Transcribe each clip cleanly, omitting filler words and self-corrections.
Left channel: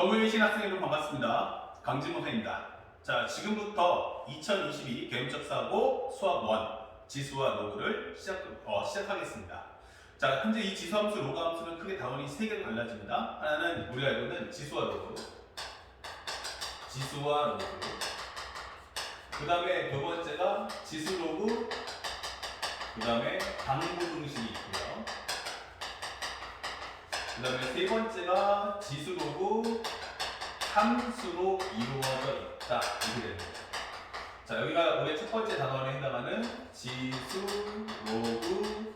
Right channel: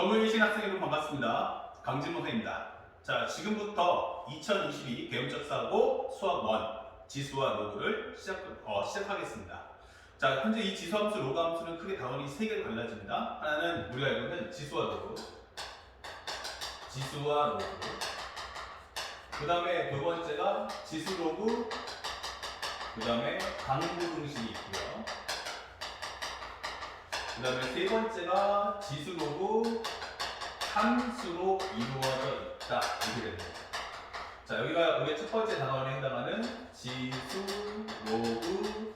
정유신 학생 여러분 반갑습니다. 강진모 선생입니다. 자, 지금부터 2022 개념적 사고 수학 1 지수와 로그를 시작하겠습니다. 자, 현재 이 지수함수, 로그함수는 크게 다원이 3개로 갈라집니다. 하나는 우리가 알고 있는 지수와 로그, 그 다음에 두 번째가 지수 로그, 그 다음에 방부등식이 있고요. 그 다음에 세 번째가 지수 로그 함수로 이루어져 있다. 이렇게 되는 거죠. 자, 여기가 우리의 첫 번째 단원에 해당하는 지수 로그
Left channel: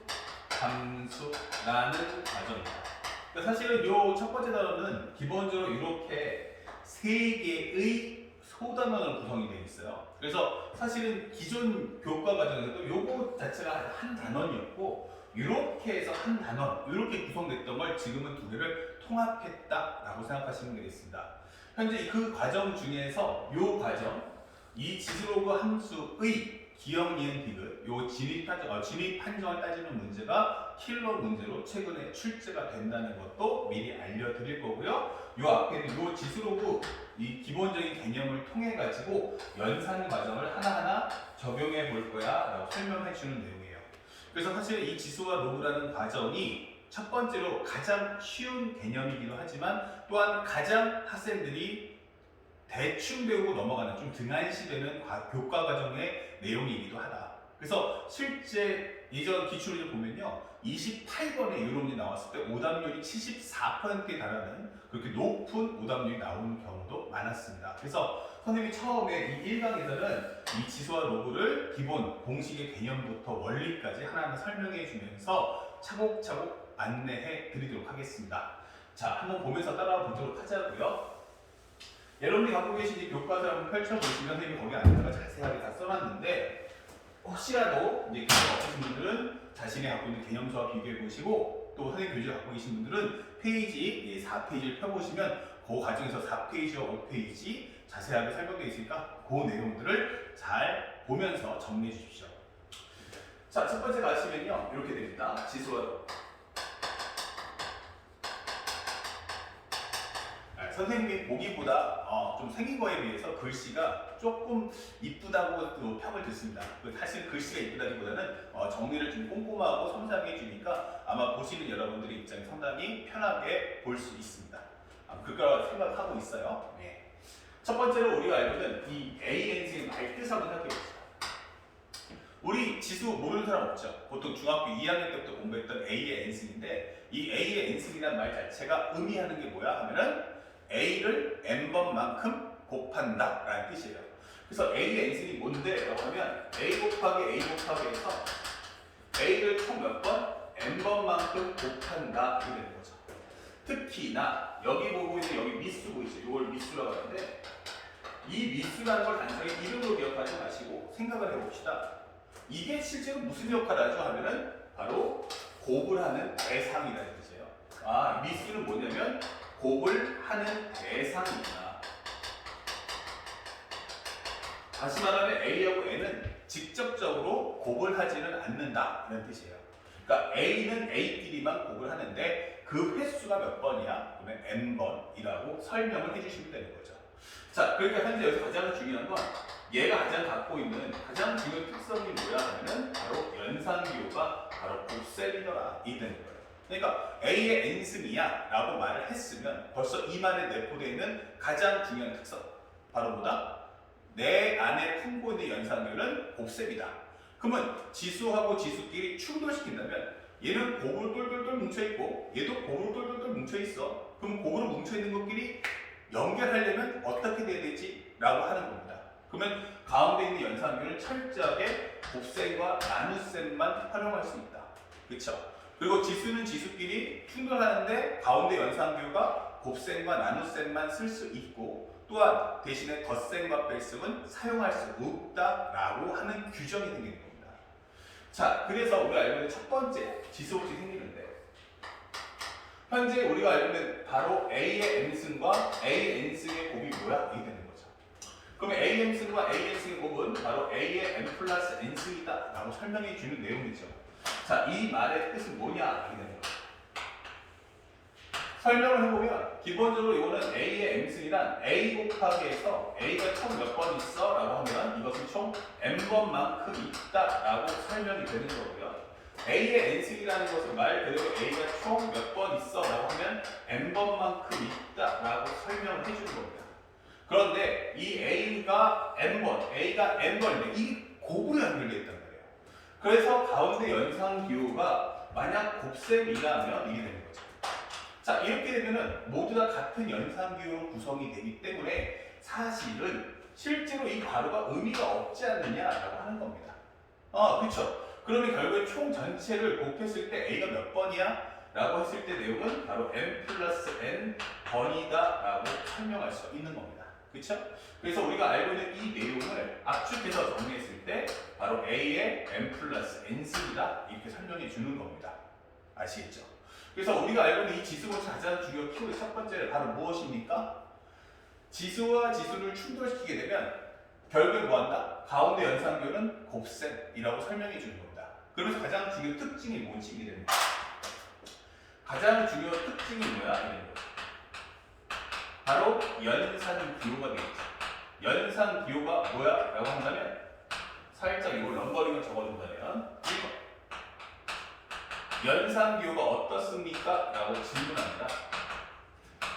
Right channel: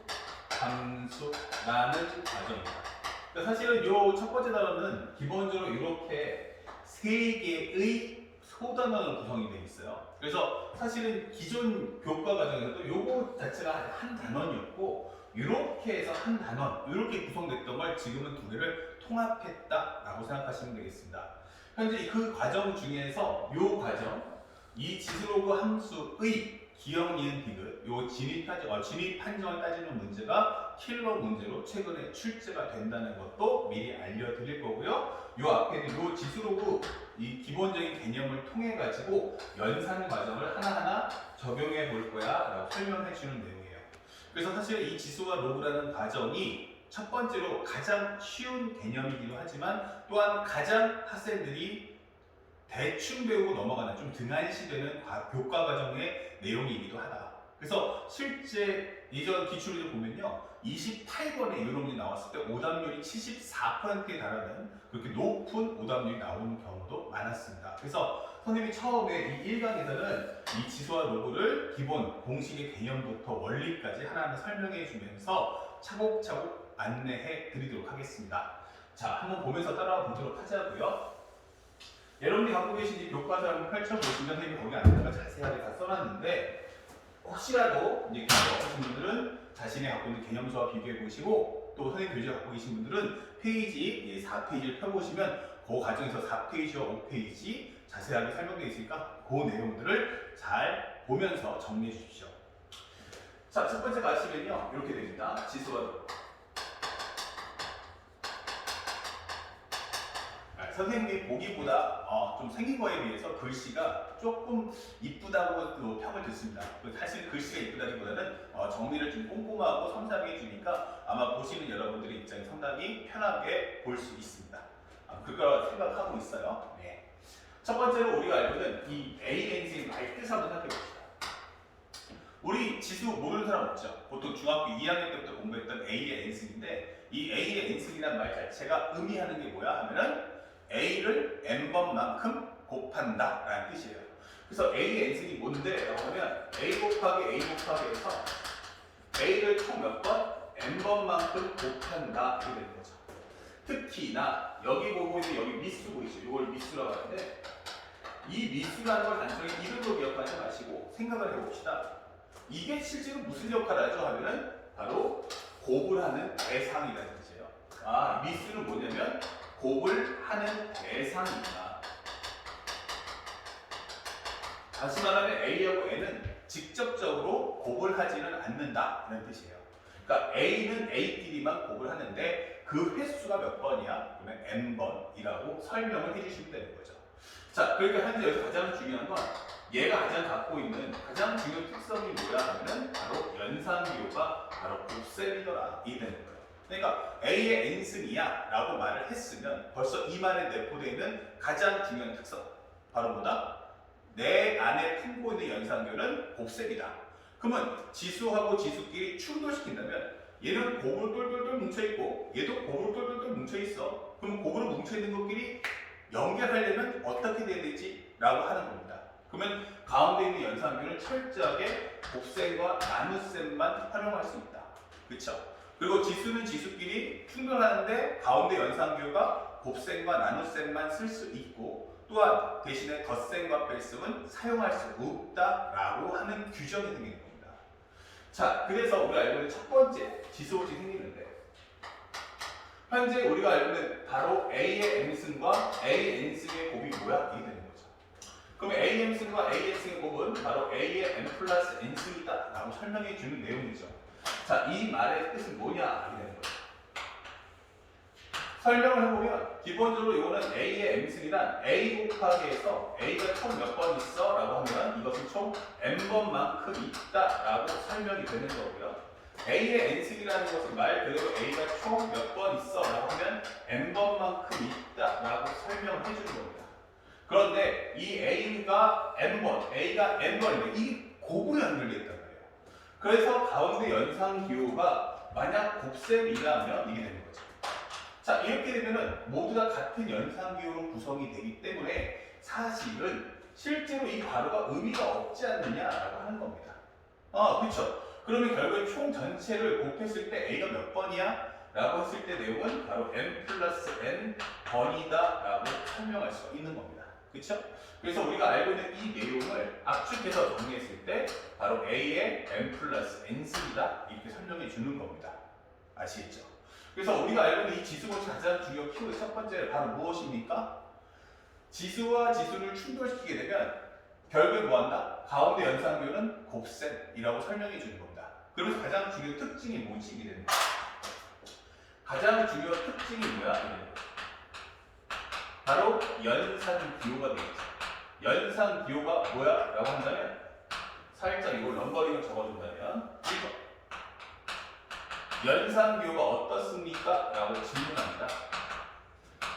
함수라는 과정입니다. 그러니까 사실은 이 첫 번째 단원은 기본적으로 이렇게 세 개의 소단원으로 구성이 되어 있어요. 그래서 사실은 기존 교과 과정에서도 요거 자체가 한 단원이었고 이렇게 해서 한 단원, 이렇게 구성됐던 걸 지금은 두 개를 통합했다라고 생각하시면 되겠습니다. 현재 그 과정 중에서 이 과정, 이 지수로그 함수의 기억, 니은, 디귿, 요 진입 판정을 따지는 문제가 킬러 문제로 최근에 출제가 된다는 것도 미리 알려드릴 거고요. 요 앞에는 요 지수로그 이 기본적인 개념을 통해 가지고 연산 과정을 하나하나 적용해 볼 거야 라고 설명해 주는 내용이에요. 그래서 사실 이 지수와 로그라는 과정이 첫 번째로 가장 쉬운 개념이기도 하지만 또한 가장 학생들이 대충 배우고 넘어가는 좀 등한시되는 교과 과정의 내용이기도 하다. 그래서 실제 예전 기출을 보면요, 28번에 이런 문제 나왔을 때 오답률이 74%에 달하는 그렇게 높은 오답률이 나오는 경우도 많았습니다. 그래서 선생님이 처음에 이 1강에서는 이 지수와 로그를 기본 공식의 개념부터 원리까지 하나하나 설명해 주면서 차곡차곡 안내해 드리도록 하겠습니다. 자, 한번 보면서 따라와 보도록 하자고요. 여러분이 갖고 계신 이 교과서를 한번 펼쳐보시면 선생님이 거기 안에다가 자세하게 다 써놨는데 혹시라도 이제 교과 없으신 분들은 자신이 갖고 있는 개념서와 비교해 보시고 또 선생님 교재를 갖고 계신 분들은 페이지 4페이지를 펴보시면 그 과정에서 4페이지와 5페이지 자세하게 설명되어 있으니까 그 내용들을 잘 보면서 정리해 주십시오. 자, 첫 번째 가시면요 이렇게 됩니다. 지수와 로그. 선생님이 보기보다 좀 생긴 거에 비해서 글씨가 조금 이쁘다고 또 평을 듣습니다. 사실 글씨가 이쁘다기보다는 정리를 좀 꼼꼼하고 섬세하게 해주니까 아마 보시는 여러분들의 입장이 상당히 편하게 볼 수 있습니다. 그럴 거라고 생각하고 있어요. 네. 첫 번째로 우리가 알고 있는 이 ANC의 말뜻 한번 생각해 봅시다. 우리 지수 모르는 사람 없죠? 보통 중학교 2학년 때부터 공부했던 A의 n승인데 이 A의 n승이라는 말 자체가 의미하는 게 뭐야 하면은 A를 n번만큼 곱한다 라는 뜻이에요. 그래서 A의 n승이 뭔데? 그러면 A 곱하기 A 곱하기 해서 A를 총 몇 번? n번만큼 곱한다 이렇게 되는 거죠. 특히나 여기 보고 있는 여기 미수 보이죠? 이걸 미수라고 하는데 이 미수라는 걸 단순히 이름으로 기억하지 마시고 생각을 해봅시다. 이게 실제로 무슨 역할을 하죠? 하면은 바로 곱을 하는 대상이라는 뜻이에요. 미수는 뭐냐면 곱을 하는 대상이구나. 다시 말하면 A하고 N은 직접적으로 곱을 하지는 않는다는 뜻이에요. 그러니까 A는 A끼리만 곱을 하는데 그 횟수가 몇 번이야? 그러면 N번이라고 설명을 해주시면 되는 거죠. 자, 그러니까 현재 여기서 가장 중요한 건 얘가 가장 갖고 있는 가장 중요한 특성이 뭐야 하면은 바로 연산비호가 바로 곱셈이더라 이 되는 거예요. 그러니까 A의 n승이야 라고 말을 했으면 벌써 이 말에 내포되어 있는 가장 중요한 특성 바로 뭐다? 내 안에 품고 있는 연산비호는 곱셈이다. 그러면 지수하고 지수끼리 충돌시킨다면 얘는 곱으로 똘똘똘 뭉쳐있고 얘도 곱으로 똘똘똘 뭉쳐있어. 그럼 곱으로 뭉쳐있는 것끼리 연결하려면 어떻게 돼야 되지? 라고 하는 겁니다. 그러면 가운데 있는 연산비호는 철저하게 곱셈과 나눗셈만 활용할 수 있다. 그쵸? 그리고 지수는 지수끼리 충돌하는데 가운데 연산비호가 곱셈과 나눗셈만 쓸 수 있고 또한 대신에 덧셈과 뺄셈은 사용할 수 없다라고 하는 규정이 생기는 겁니다. 자, 그래서 우리가 알고 있는 첫 번째 지수법칙이 생기는데 현재 우리가 알고 있는 바로 A의 m승과 A n승의 곱이 뭐야? 이게 되는 거죠. 그러면 A m승과 A n승의 곱은 바로 A의 m 플러스 n승이다 라고 설명해 주는 내용이죠. 자, 이 말의 뜻은 뭐냐? 이게 되는 거죠. 설명을 해보면 기본적으로 이거는 A의 M승이란 A 곱하기 해서 A가 총 몇 번 있어? 라고 하면 이것은 총 N번만큼 있다 라고 설명이 되는 거고요. A의 N승이라는 것은 말 그대로 A가 총 몇 번 있어? 라고 하면 N번만큼 있다 라고 설명을 해주는 겁니다. 그런데 이 A가 N번, A가 N번인데 이 곱으로 연결되어 있단 말이에요. 그래서 가운데 연상기호가 만약 곱셈이라면 이게 되는 거죠. 자, 이렇게 되면은 모두 다 같은 연상기호로 구성이 되기 때문에 사실은 실제로 이 괄호가 의미가 없지 않느냐라고 하는 겁니다. 그렇죠. 그러면 결국에 총 전체를 곱했을 때 A가 몇 번이야? 라고 했을 때 내용은 바로 n 플러스 n 번이다 라고 설명할 수가 있는 겁니다. 그렇죠? 그래서 우리가 알고 있는 이 내용을 압축해서 정리했을 때 바로 A의 n 플러스 n승이다 이렇게 설명해 주는 겁니다. 아시겠죠? 그래서 우리가 알고 있는 이 지수분식 가장 중요한 키워드 첫 번째는 바로 무엇입니까? 지수와 지수를 충돌시키게 되면 결국에 뭐한다? 가운데 연산교는 곱셈이라고 설명해 주는 겁니다. 그러면서 가장 중요한 특징이 뭔지 이게 됩니다. 가장 중요한 특징이 뭐야? 바로 연산기호가 되겠죠. 연산기호가 뭐야? 라고 한다면 살짝 이걸 넘버링을 적어준다면 연산기호가 어떻습니까? 라고 질문합니다.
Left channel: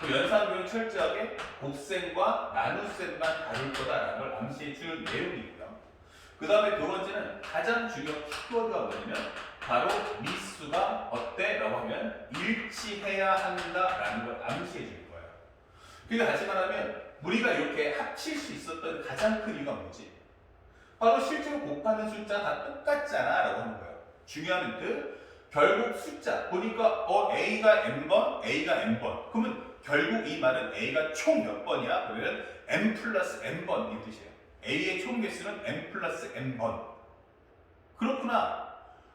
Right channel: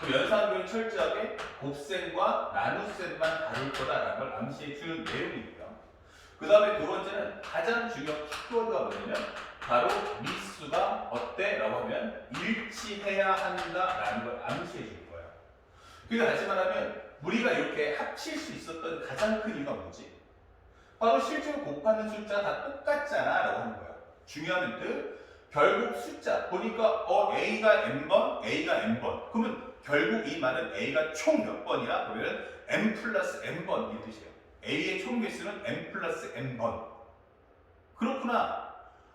그 연산기호는 철저하게 곱셈과 나눗셈만 다를 거다라는 걸 암시해주는 내용이고요. 그 다음에 두 번째는 가장 중요한 키워드가 뭐냐면 바로 미수가 어때? 라고 하면 일치해야 한다라는 걸 암시해줄 거예요. 그러니까 다시 말하면 우리가 이렇게 합칠 수 있었던 가장 큰 이유가 뭐지? 바로 실제로 곱하는 숫자 다 똑같잖아 라고 하는 거예요. 중요한 힌트. 결국 숫자 보니까 A가 N번, A가 N번. 그러면 결국 이 말은 A가 총 몇 번이야? 그러면 N 플러스 N번 이 뜻이에요. A의 총 개수는 N 플러스 N번. 그렇구나.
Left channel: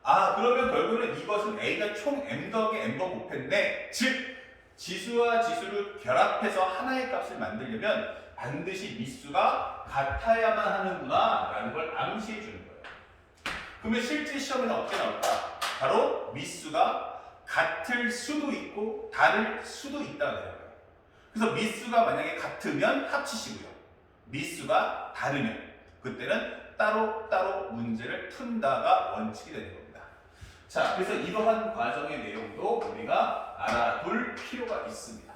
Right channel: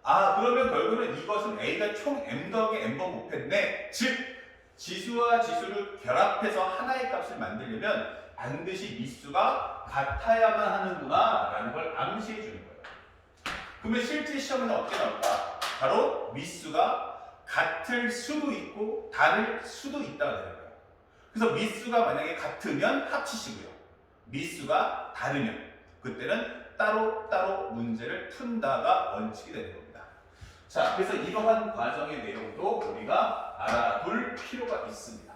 그러면 결국은 이것은 A가 총 M 더하기 N번 곱했네. 즉 지수와 지수를 결합해서 하나의 값을 만들려면 반드시 미수가 같아야만 하는구나 라는 걸 암시해 주는 거예요. 그러면 실제 시험에는 어떻게 나올까? 바로 미수가 같을 수도 있고 다를 수도 있다가 되는 거예요. 그래서 미수가 만약에 같으면 합치시고요. 미수가 다르면 그때는 따로따로 문제를 푼다가 원칙이 되는 겁니다. 자, 그래서 이러한 과정의 내용도 우리가 알아둘 필요가 있습니다.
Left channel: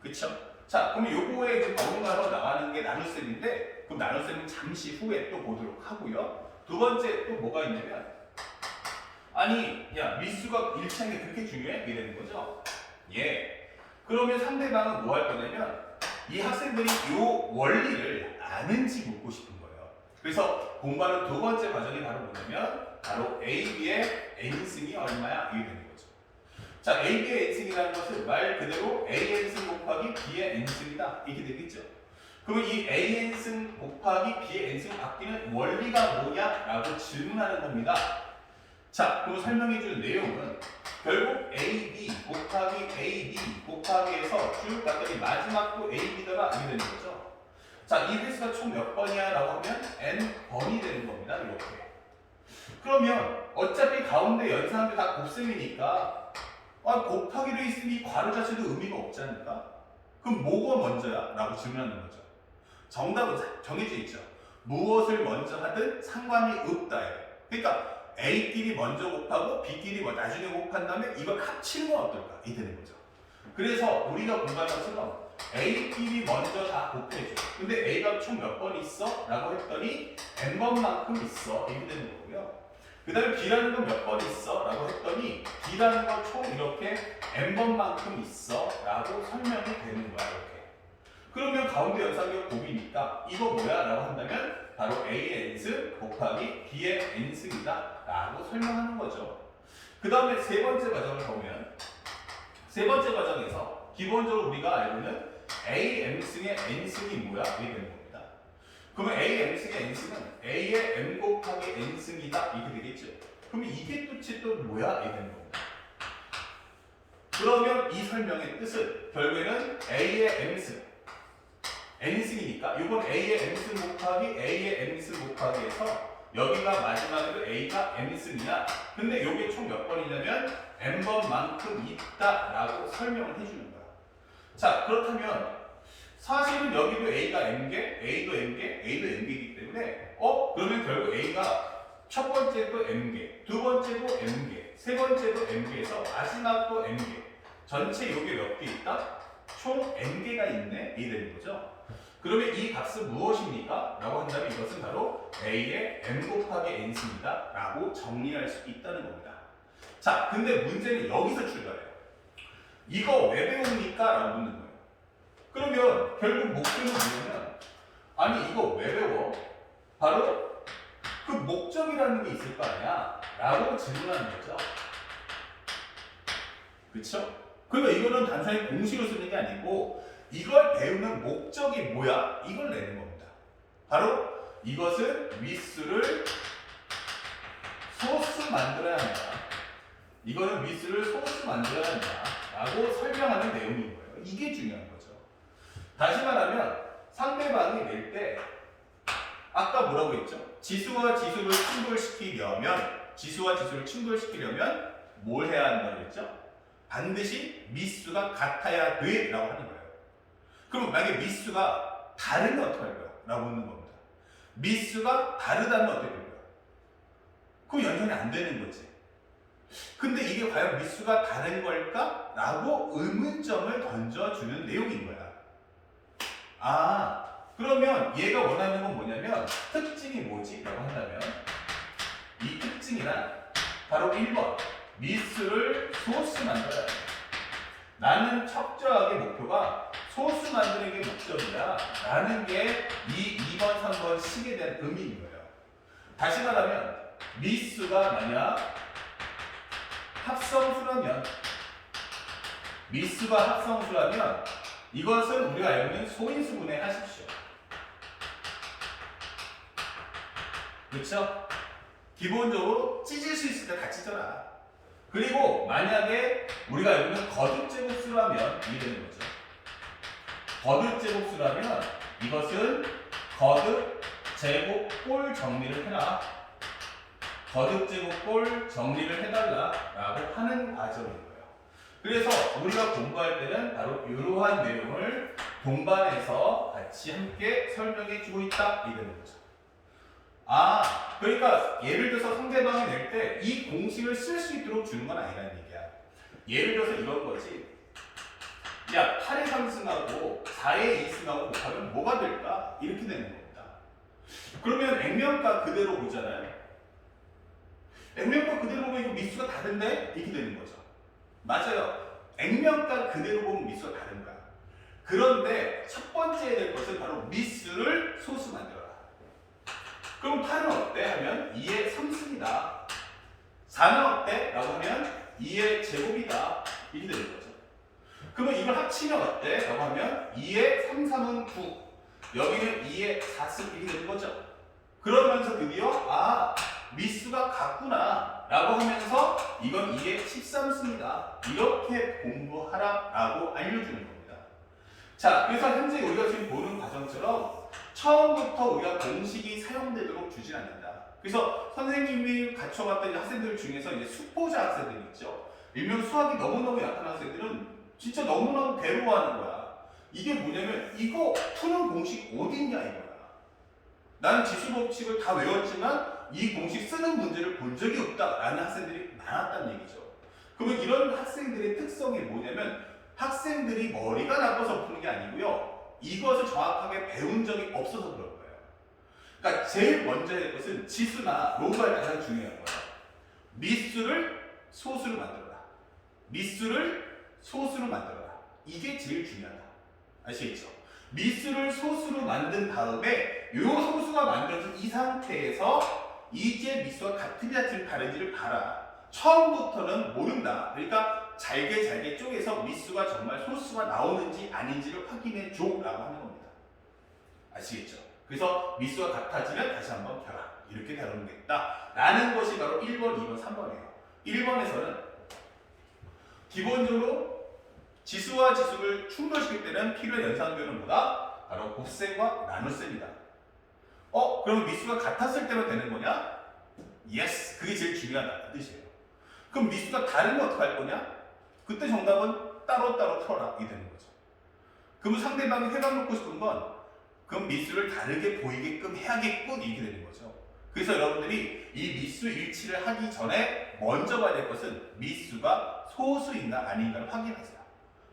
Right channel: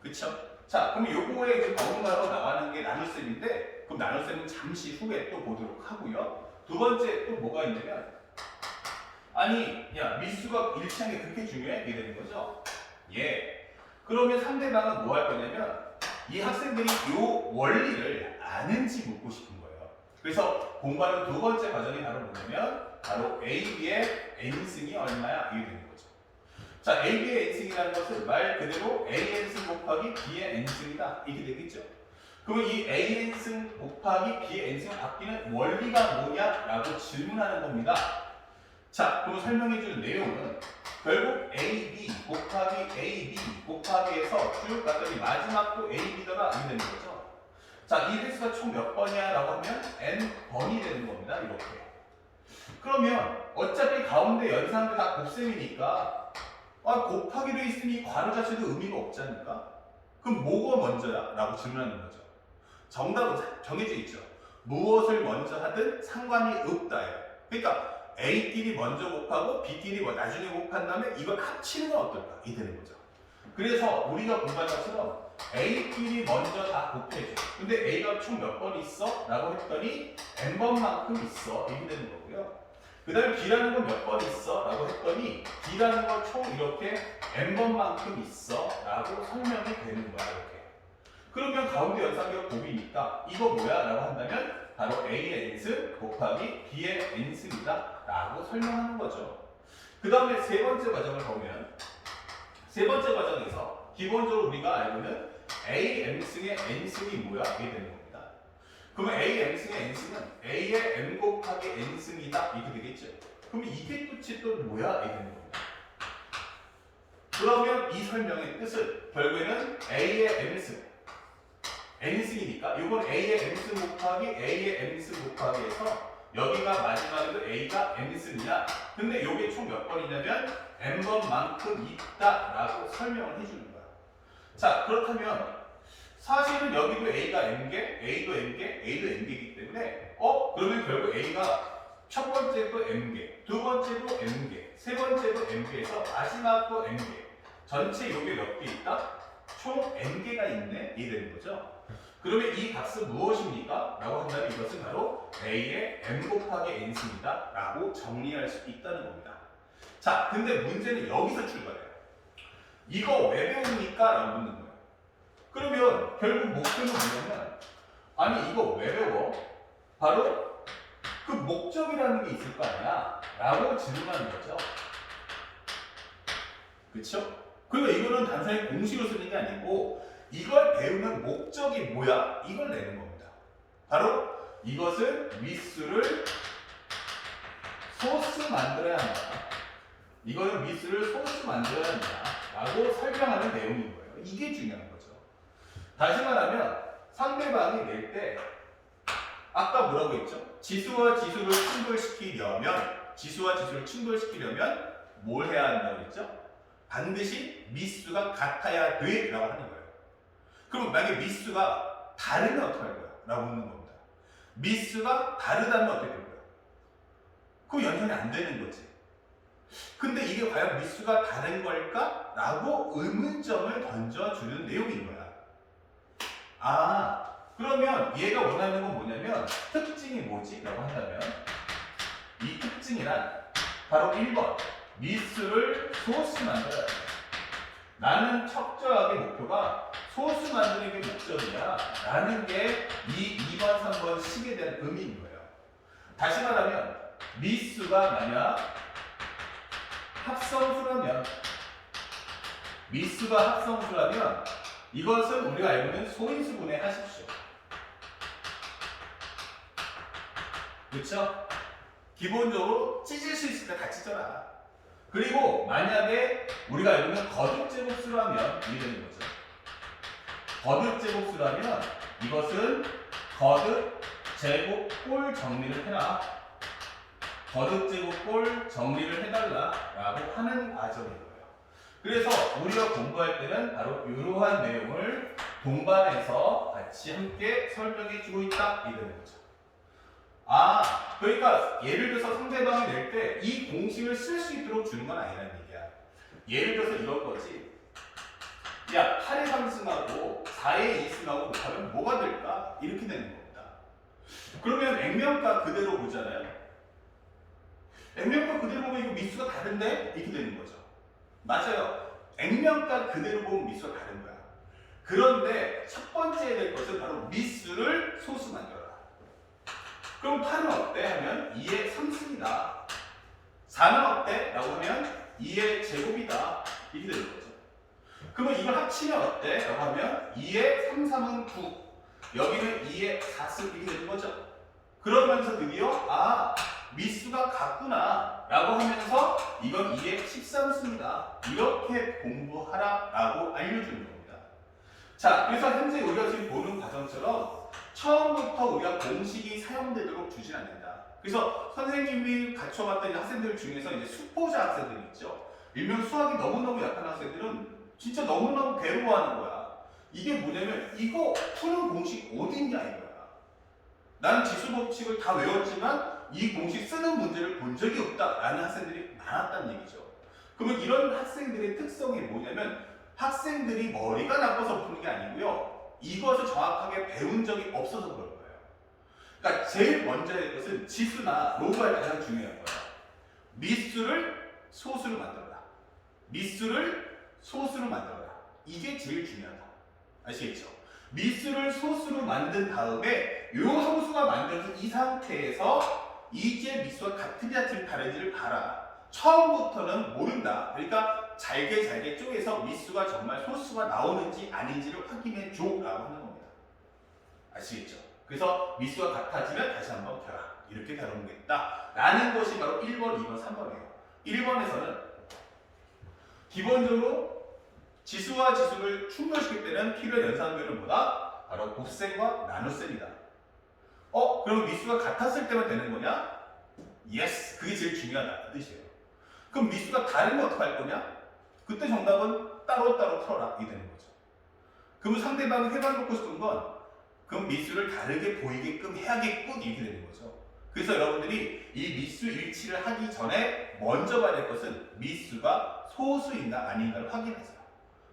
그쵸? 자, 그럼 요거에 이제 번호가로 나가는 게 나눗셈인데 그럼 나눗셈은 잠시 후에 또 보도록 하고요. 두 번째 또 뭐가 있냐면 아니, 야, 미수가 일치하는 게 그렇게 중요해? 이게 되는 거죠? 예. 그러면 상대방은 뭐 할 거냐면 이 학생들이 이 원리를 아는지 묻고 싶은 거예요. 그래서 공부하는 두 번째 과정이 바로 뭐냐면 바로 AB의 N승이 얼마야? 이게 되는 거죠. 자, AB의 N승이라는 것은 말 그대로 AN승 곱하기 B의 N승이다. 이렇게 되겠죠. 그러면 이 AN승 곱하기 B의 N승을 바뀌는 원리가 뭐냐라고 질문하는 겁니다. 자, 그럼 설명해 줄 내용은 결국 AB 곱하기 AB 곱하기 해서 쭉 갔더니 마지막도 AB더라 이렇게 되는 거죠. 자, 이 횟수가 총 몇 번이야? 라고 하면 N번이 되는 겁니다. 이렇게. 그러면 어차피 가운데 연산도 다 곱셈이니까 곱하기로 있으니 괄호 자체도 의미가 없지 않을까? 그럼 뭐가 먼저야? 라고 질문하는 거죠. 정답은 정해져 있죠. 무엇을 먼저 하든 상관이 없다예요. 그러니까 A끼리 먼저 곱하고 B끼리 나중에 곱한 다음에 이걸 합치는 건 어떨까? 이 되는 거죠. 그래서 우리가 공부한 것처럼 A끼리 먼저 다 곱해줘. 근데 A가 총 몇 번 있어? 라고 했더니 N번만큼 있어. 이렇게 되는 거고요. 그 다음에 B라는 건 몇 번 있어? 라고 했더니 B라는 건 총 이렇게 N번만큼 있어. 라고 설명이 되는 거야. 이렇게. 그러면 가운데 연산격 곱이니까 이거 뭐야? 라고 한다면 바로 A의 N승 곱하기 B의 N승이다 라고 설명하는 거죠. 그 다음에 세 번째 과정을 보면 세 번째 과정에서 기본적으로 우리가 알고 있는 A M승의 N승이 뭐야? 이게 되는 겁니다. 그러면 A M승의 N승은 A의 M 곱하기 N승이다 이렇게 되겠죠. 그러면 이게 도대체 또 뭐야? 이게 되는 겁니다. 그러면 이 설명의 뜻은 결국에는 A의 M승 N승이니까 이건 A의 M승 곱하기 A의 M승 곱하기 해서 여기가 마지막에도 A가 N승이야. 근데 이게 총 몇 번이냐면 N번만큼 있다라고 설명을 해주는 거야. 자, 그렇다면 사실은 여기도 A가 N개, A도 N개, A도 N개이기 때문에 그러면 결국 A가 첫 번째도 N개, 두 번째도 N개, 세 번째도 N개에서 마지막도 N개. 전체 요게 몇 개 있다? 총 N개가 있네. 이 되는 거죠. 그러면 이 값은 무엇입니까? 라고 한다면 이것은 바로 A의 M 곱하기 N승이다 라고 정리할 수 있다는 겁니다. 자, 근데 문제는 여기서 출발해요. 이거 왜 배웁니까? 라고 묻는 거예요. 그러면 결국 목표는 뭐냐면 아니 이거 왜 배워? 바로 그 목적이라는 게 있을 거 아니야? 라고 질문하는 거죠. 그쵸? 그러니까 이거는 단순히 공식을 쓰는 게 아니고 이걸 배우는 목적이 뭐야? 이걸 내는 겁니다. 바로 이것은 미수를 소수 만들어야 한다. 이거는 미수를 소수 만들어야 한다. 라고 설명하는 내용인 거예요. 이게 중요한 거죠. 다시 말하면 상대방이 낼 때 아까 뭐라고 했죠? 지수와 지수를 충돌시키려면 뭘 해야 한다고 했죠? 반드시 미수가 같아야 돼 라고 하는 거예요. 그럼 만약에 미수가 다르면 어떻게 할 거야? 라고 묻는 겁니다. 미수가 다르다면 어떻게 될 거야? 그럼 연산이 안 되는 거지. 근데 이게 과연 미수가 다른 걸까? 라고 의문점을 던져주는 내용인 거야. 그러면 얘가 원하는 건 뭐냐면 특징이 뭐지? 라고 한다면 이 특징이란 바로 1번 미수를 소수 만들어야 돼. 나는 척저하게 목표가 소수 만드는 게 목적이야 라는 게 이 2번, 3번 식에 대한 의미인 거예요. 다시 말하면 미수가 만약 합성수라면 이것은 우리가 알고 있는 소인수분해 하십시오. 그렇죠? 기본적으로 찢을 수 있으니까 다 찢어라. 그리고 만약에 우리가 알고 있는 거듭제곱수라면 이게 되는 거죠. 거듭제곱수라면 이것은 거듭제곱꼴 정리를 해라. 거듭제곱꼴 정리를 해달라 라고 하는 과정인 거예요. 그래서 우리가 공부할 때는 바로 이러한 내용을 동반해서 같이 함께 설명해 주고 있다 이 되는 거죠. 그러니까 예를 들어서 상대방이 낼 때 이 공식을 쓸 수 있도록 주는 건 아니라는 얘기야. 예를 들어서 이런 거지. 야, 8의 3승하고 4의 2승하고 곱하면 뭐가 될까? 이렇게 되는 겁니다. 그러면 액면가 그대로 보잖아요. 액면가 그대로 보면 이거 미수가 다른데? 이렇게 되는 거죠. 맞아요. 액면가 그대로 보면 미수가 다른 거야. 그런데 첫 번째 해야 될 것은 바로 미수를 소수 만들어라. 그럼 8은 어때? 하면 2의 3승이다. 4는 어때? 라고 하면 2의 제곱이다. 이렇게 되는 거죠. 그러면 이걸 합치면 어때? 라고 하면 2의 3, 3은 9. 여기는 2의 4승 이렇게 되는 거죠. 그러면서 드디어 미수가 같구나 라고 하면서 이건 2의 13승이다. 이렇게 공부하라 라고 알려주는 겁니다. 자, 그래서 현재 우리가 지금 보는 과정처럼 처음부터 우리가 공식이 사용되도록 주진 않는다. 그래서 선생님이 갖춰갔던 학생들 중에서 이제 수포자 학생들이 있죠. 일명 수학이 너무너무 약한 학생들은 진짜 너무너무 괴로워하는 거야. 이게 뭐냐면 이거 푸는 공식 어디 있냐 이거야. 나는 지수법칙을 다 외웠지만 이 공식 쓰는 문제를 본 적이 없다라는 학생들이 많았다는 얘기죠. 그러면 이런 학생들의 특성이 뭐냐면 학생들이 머리가 나빠서 푸는 게 아니고요. 이것을 정확하게 배운 적이 없어서 그럴 거예요. 그러니까 제일 먼저 할 것은 지수나 로그가 가장 중요한 거예요. 미수를 소수로 만들어라. 이게 제일 중요하다. 아시겠죠? 미수를 소수로 만든 다음에 이 소수가 만들어진 이 상태에서 이제 미수가 같은지 다른지를 봐라. 처음부터는 모른다. 그러니까 잘게 쪼개서 미수가 정말 소수가 나오는지 아닌지를 확인해 줘 라고 하는 겁니다. 아시겠죠? 그래서 미수가 같아지면 다시 한번 켜라. 이렇게 다루겠다 라는 것이 바로 1번, 2번, 3번이에요. 1번에서는 기본적으로 지수와 지수를 충돌시킬 때는 필요한 연산비는 뭐다? 바로 곱셈과 나눗셈이다. 그럼 미수가 같았을 때만 되는 거냐? 예스, 그게 제일 중요하다 그 뜻이에요. 그럼 미수가 다르면 어떡할 거냐? 그때 정답은 따로따로 풀어라 이 되는 거죠. 그러면 상대방이 해방놓고 싶은 건 그럼 미수를 다르게 보이게끔 해야겠군 이렇게 되는 거죠. 그래서 여러분들이 이 미수 일치를 하기 전에 먼저 봐야 될 것은 미수가 소수인가 아닌가를 확인하세요.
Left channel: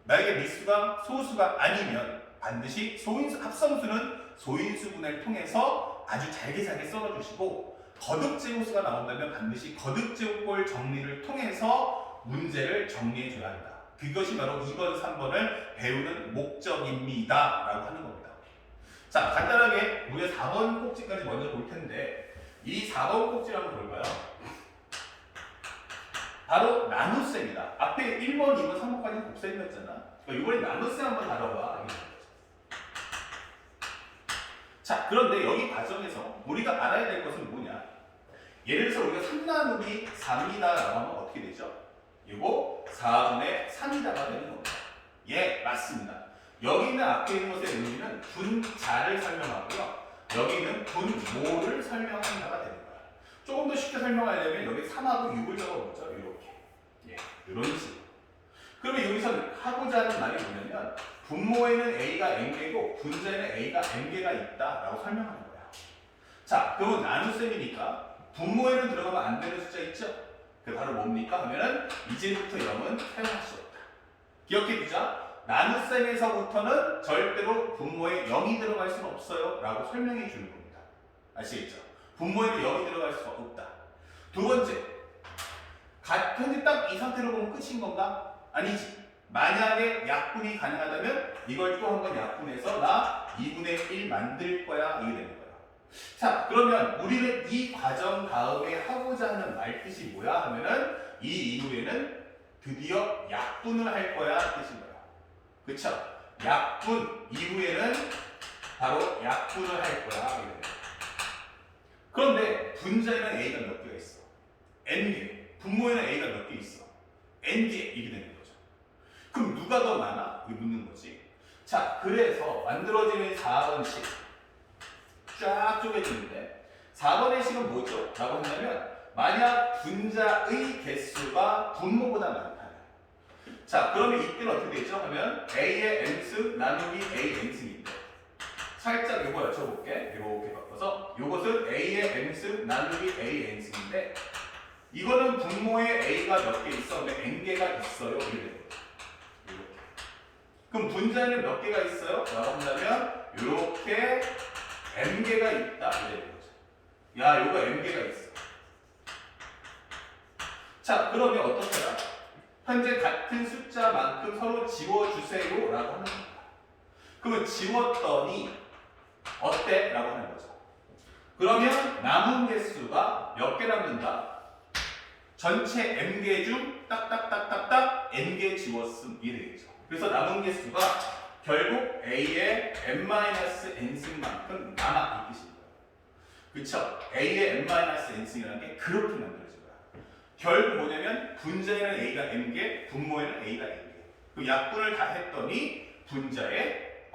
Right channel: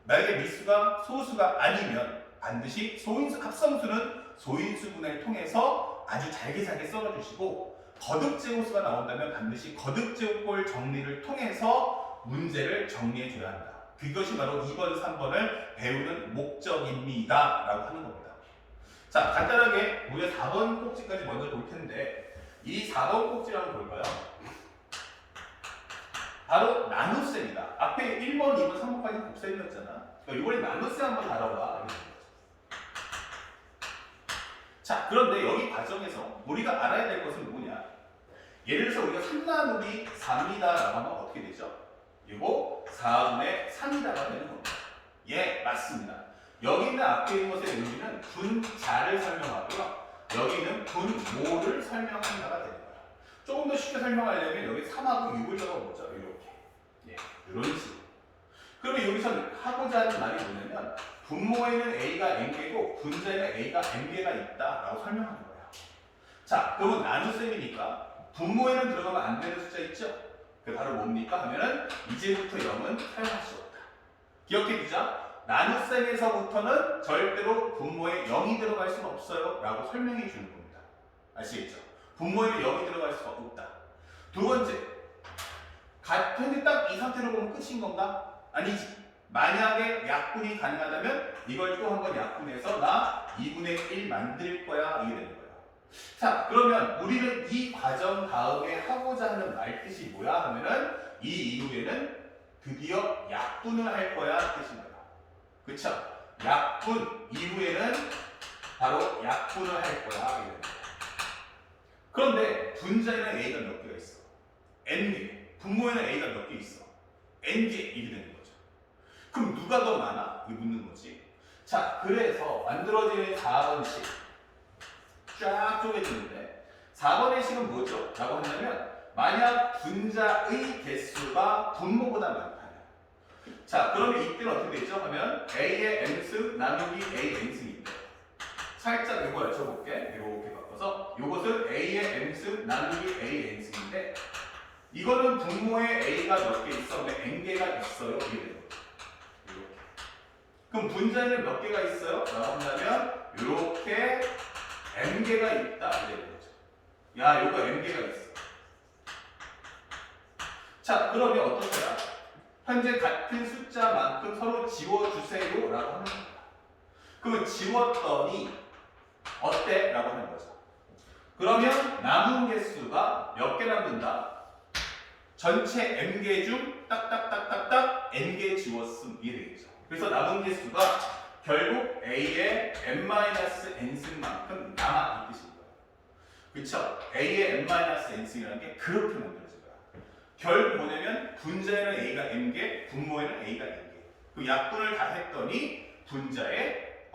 만약에 미수가 소수가 아니면 반드시 합성수는 소인수분해를 통해서 아주 잘게 썰어주시고 거듭제곱수가 나온다면 반드시 거듭제곱골 정리를 통해서 문제를 정리해줘야 한다. 그것이 바로 2번, 3번을 배우는 목적입니다. 라고 하는 겁니다. 자, 간단하게 우리가 4번 꼭지까지 먼저 볼 텐데 이 4번 꼭지를 한번 볼까요? 바로 나눗셈이다. 앞에 1번, 2번, 3번까지는 곱셈이었잖아. 그러니까 이번에 나눗셈 한번 다뤄봐. 자, 그런데 여기 과정에서 우리가 알아야 될 것은 뭐냐? 예를 들어서 우리가 3나누기 3이다 라고 하면 어떻게 되죠? 이거 4분의 3이다가 되는 겁니다. 예, 맞습니다. 여기 있는 앞에 있는 것의 의미는 분자를 설명하고요. 여기 있는 분모를 설명한다가 되는 거야. 조금 더 쉽게 설명하려면 여기 3하고 6을 적어보죠. 이렇게. 예, 이런 식으로. 그러면 여기서 하고자 하는 말이 뭐냐면 분모에는 A가 N개고 분자에는 A가 N개가 있다라고 설명하는 거야. 자, 그러면 나눗셈이니까 분모에는 들어가면 안 되는 숫자 있죠? 그게 바로 뭡니까? 하면은 이제부터 0은 사용할 수 없다. 기억해 두자. 나눗셈에서부터는 절대로 분모에 0이 들어갈 수는 없어요 라고 설명해 주는 겁니다. 아시겠죠? 분모에는 0이 들어갈 수가 없다. 두 번째, 현재 딱 이 상태로 보면 끝인 건가? 아니지. 만약에 약분이 가능하다면 이걸 또 한번 약분해서 나 2분의 1 만들 거야 이게 되는 거야. 자, 그러면 우리는 이 과정 다음에 하고자 하는 말뜻이 뭐야 하면은 이 이후에는 드디어 약분을 할 거야 뜻인 거야. 그쵸? 약분 이후에는 바로 약분을 할 거야 이게 되는 거야. 그런데 분자에는 A가 몇 개가 있어? N개. 분모에는 A가 몇 개 있어? N개 이게 되는 거죠. 그럼 누가 더 많아? 이게 묻는 거지. 자, 그래서 만들어지는 4번식 쫙 쪼개지는데 4번의 식은 뭐죠? 라고 한다면 만약 분자의 개수가 분모보다 많다면 자, 그러면 이때는 어떻게 되죠? 하면 A의 n승 나누기 A n승인데 살짝 이거 여쭤볼게. 이렇게 바꿔서 이것은 A의 n승 나누기 A n승인데 이거는 분모에 A가 몇 개 있어? 근데 N개가 있어요. 이렇게 되는 거죠. 이렇게. 그럼 분자에는 몇 개가 있어요? 라고 한다면 이렇게 N개가 있다. 이렇게 되는 거죠. 야, 이거 N개가 있어. 자, 그러면 어떻게요? 현재 같은 숫자만큼 서로 지워주세요. 라고 하는 겁니다. 그러면 지웠더니 어때? 라고 하는 거죠. 그러면 남은 개수가 몇 개 남는다? 전체 N개 중 딱딱딱딱딱 N개 지웠음 이 되겠죠. 그래서 남은 개수가 결국 A의 n-n승만큼 남아 이 뜻인 거예요. 그쵸? A의 n-n승이라는 게 그렇게 만들어진 거야. 결국 뭐냐면 분자에는 A가 N개, 분모에는 A가 N개. 그 약분을 다 했더니 분자에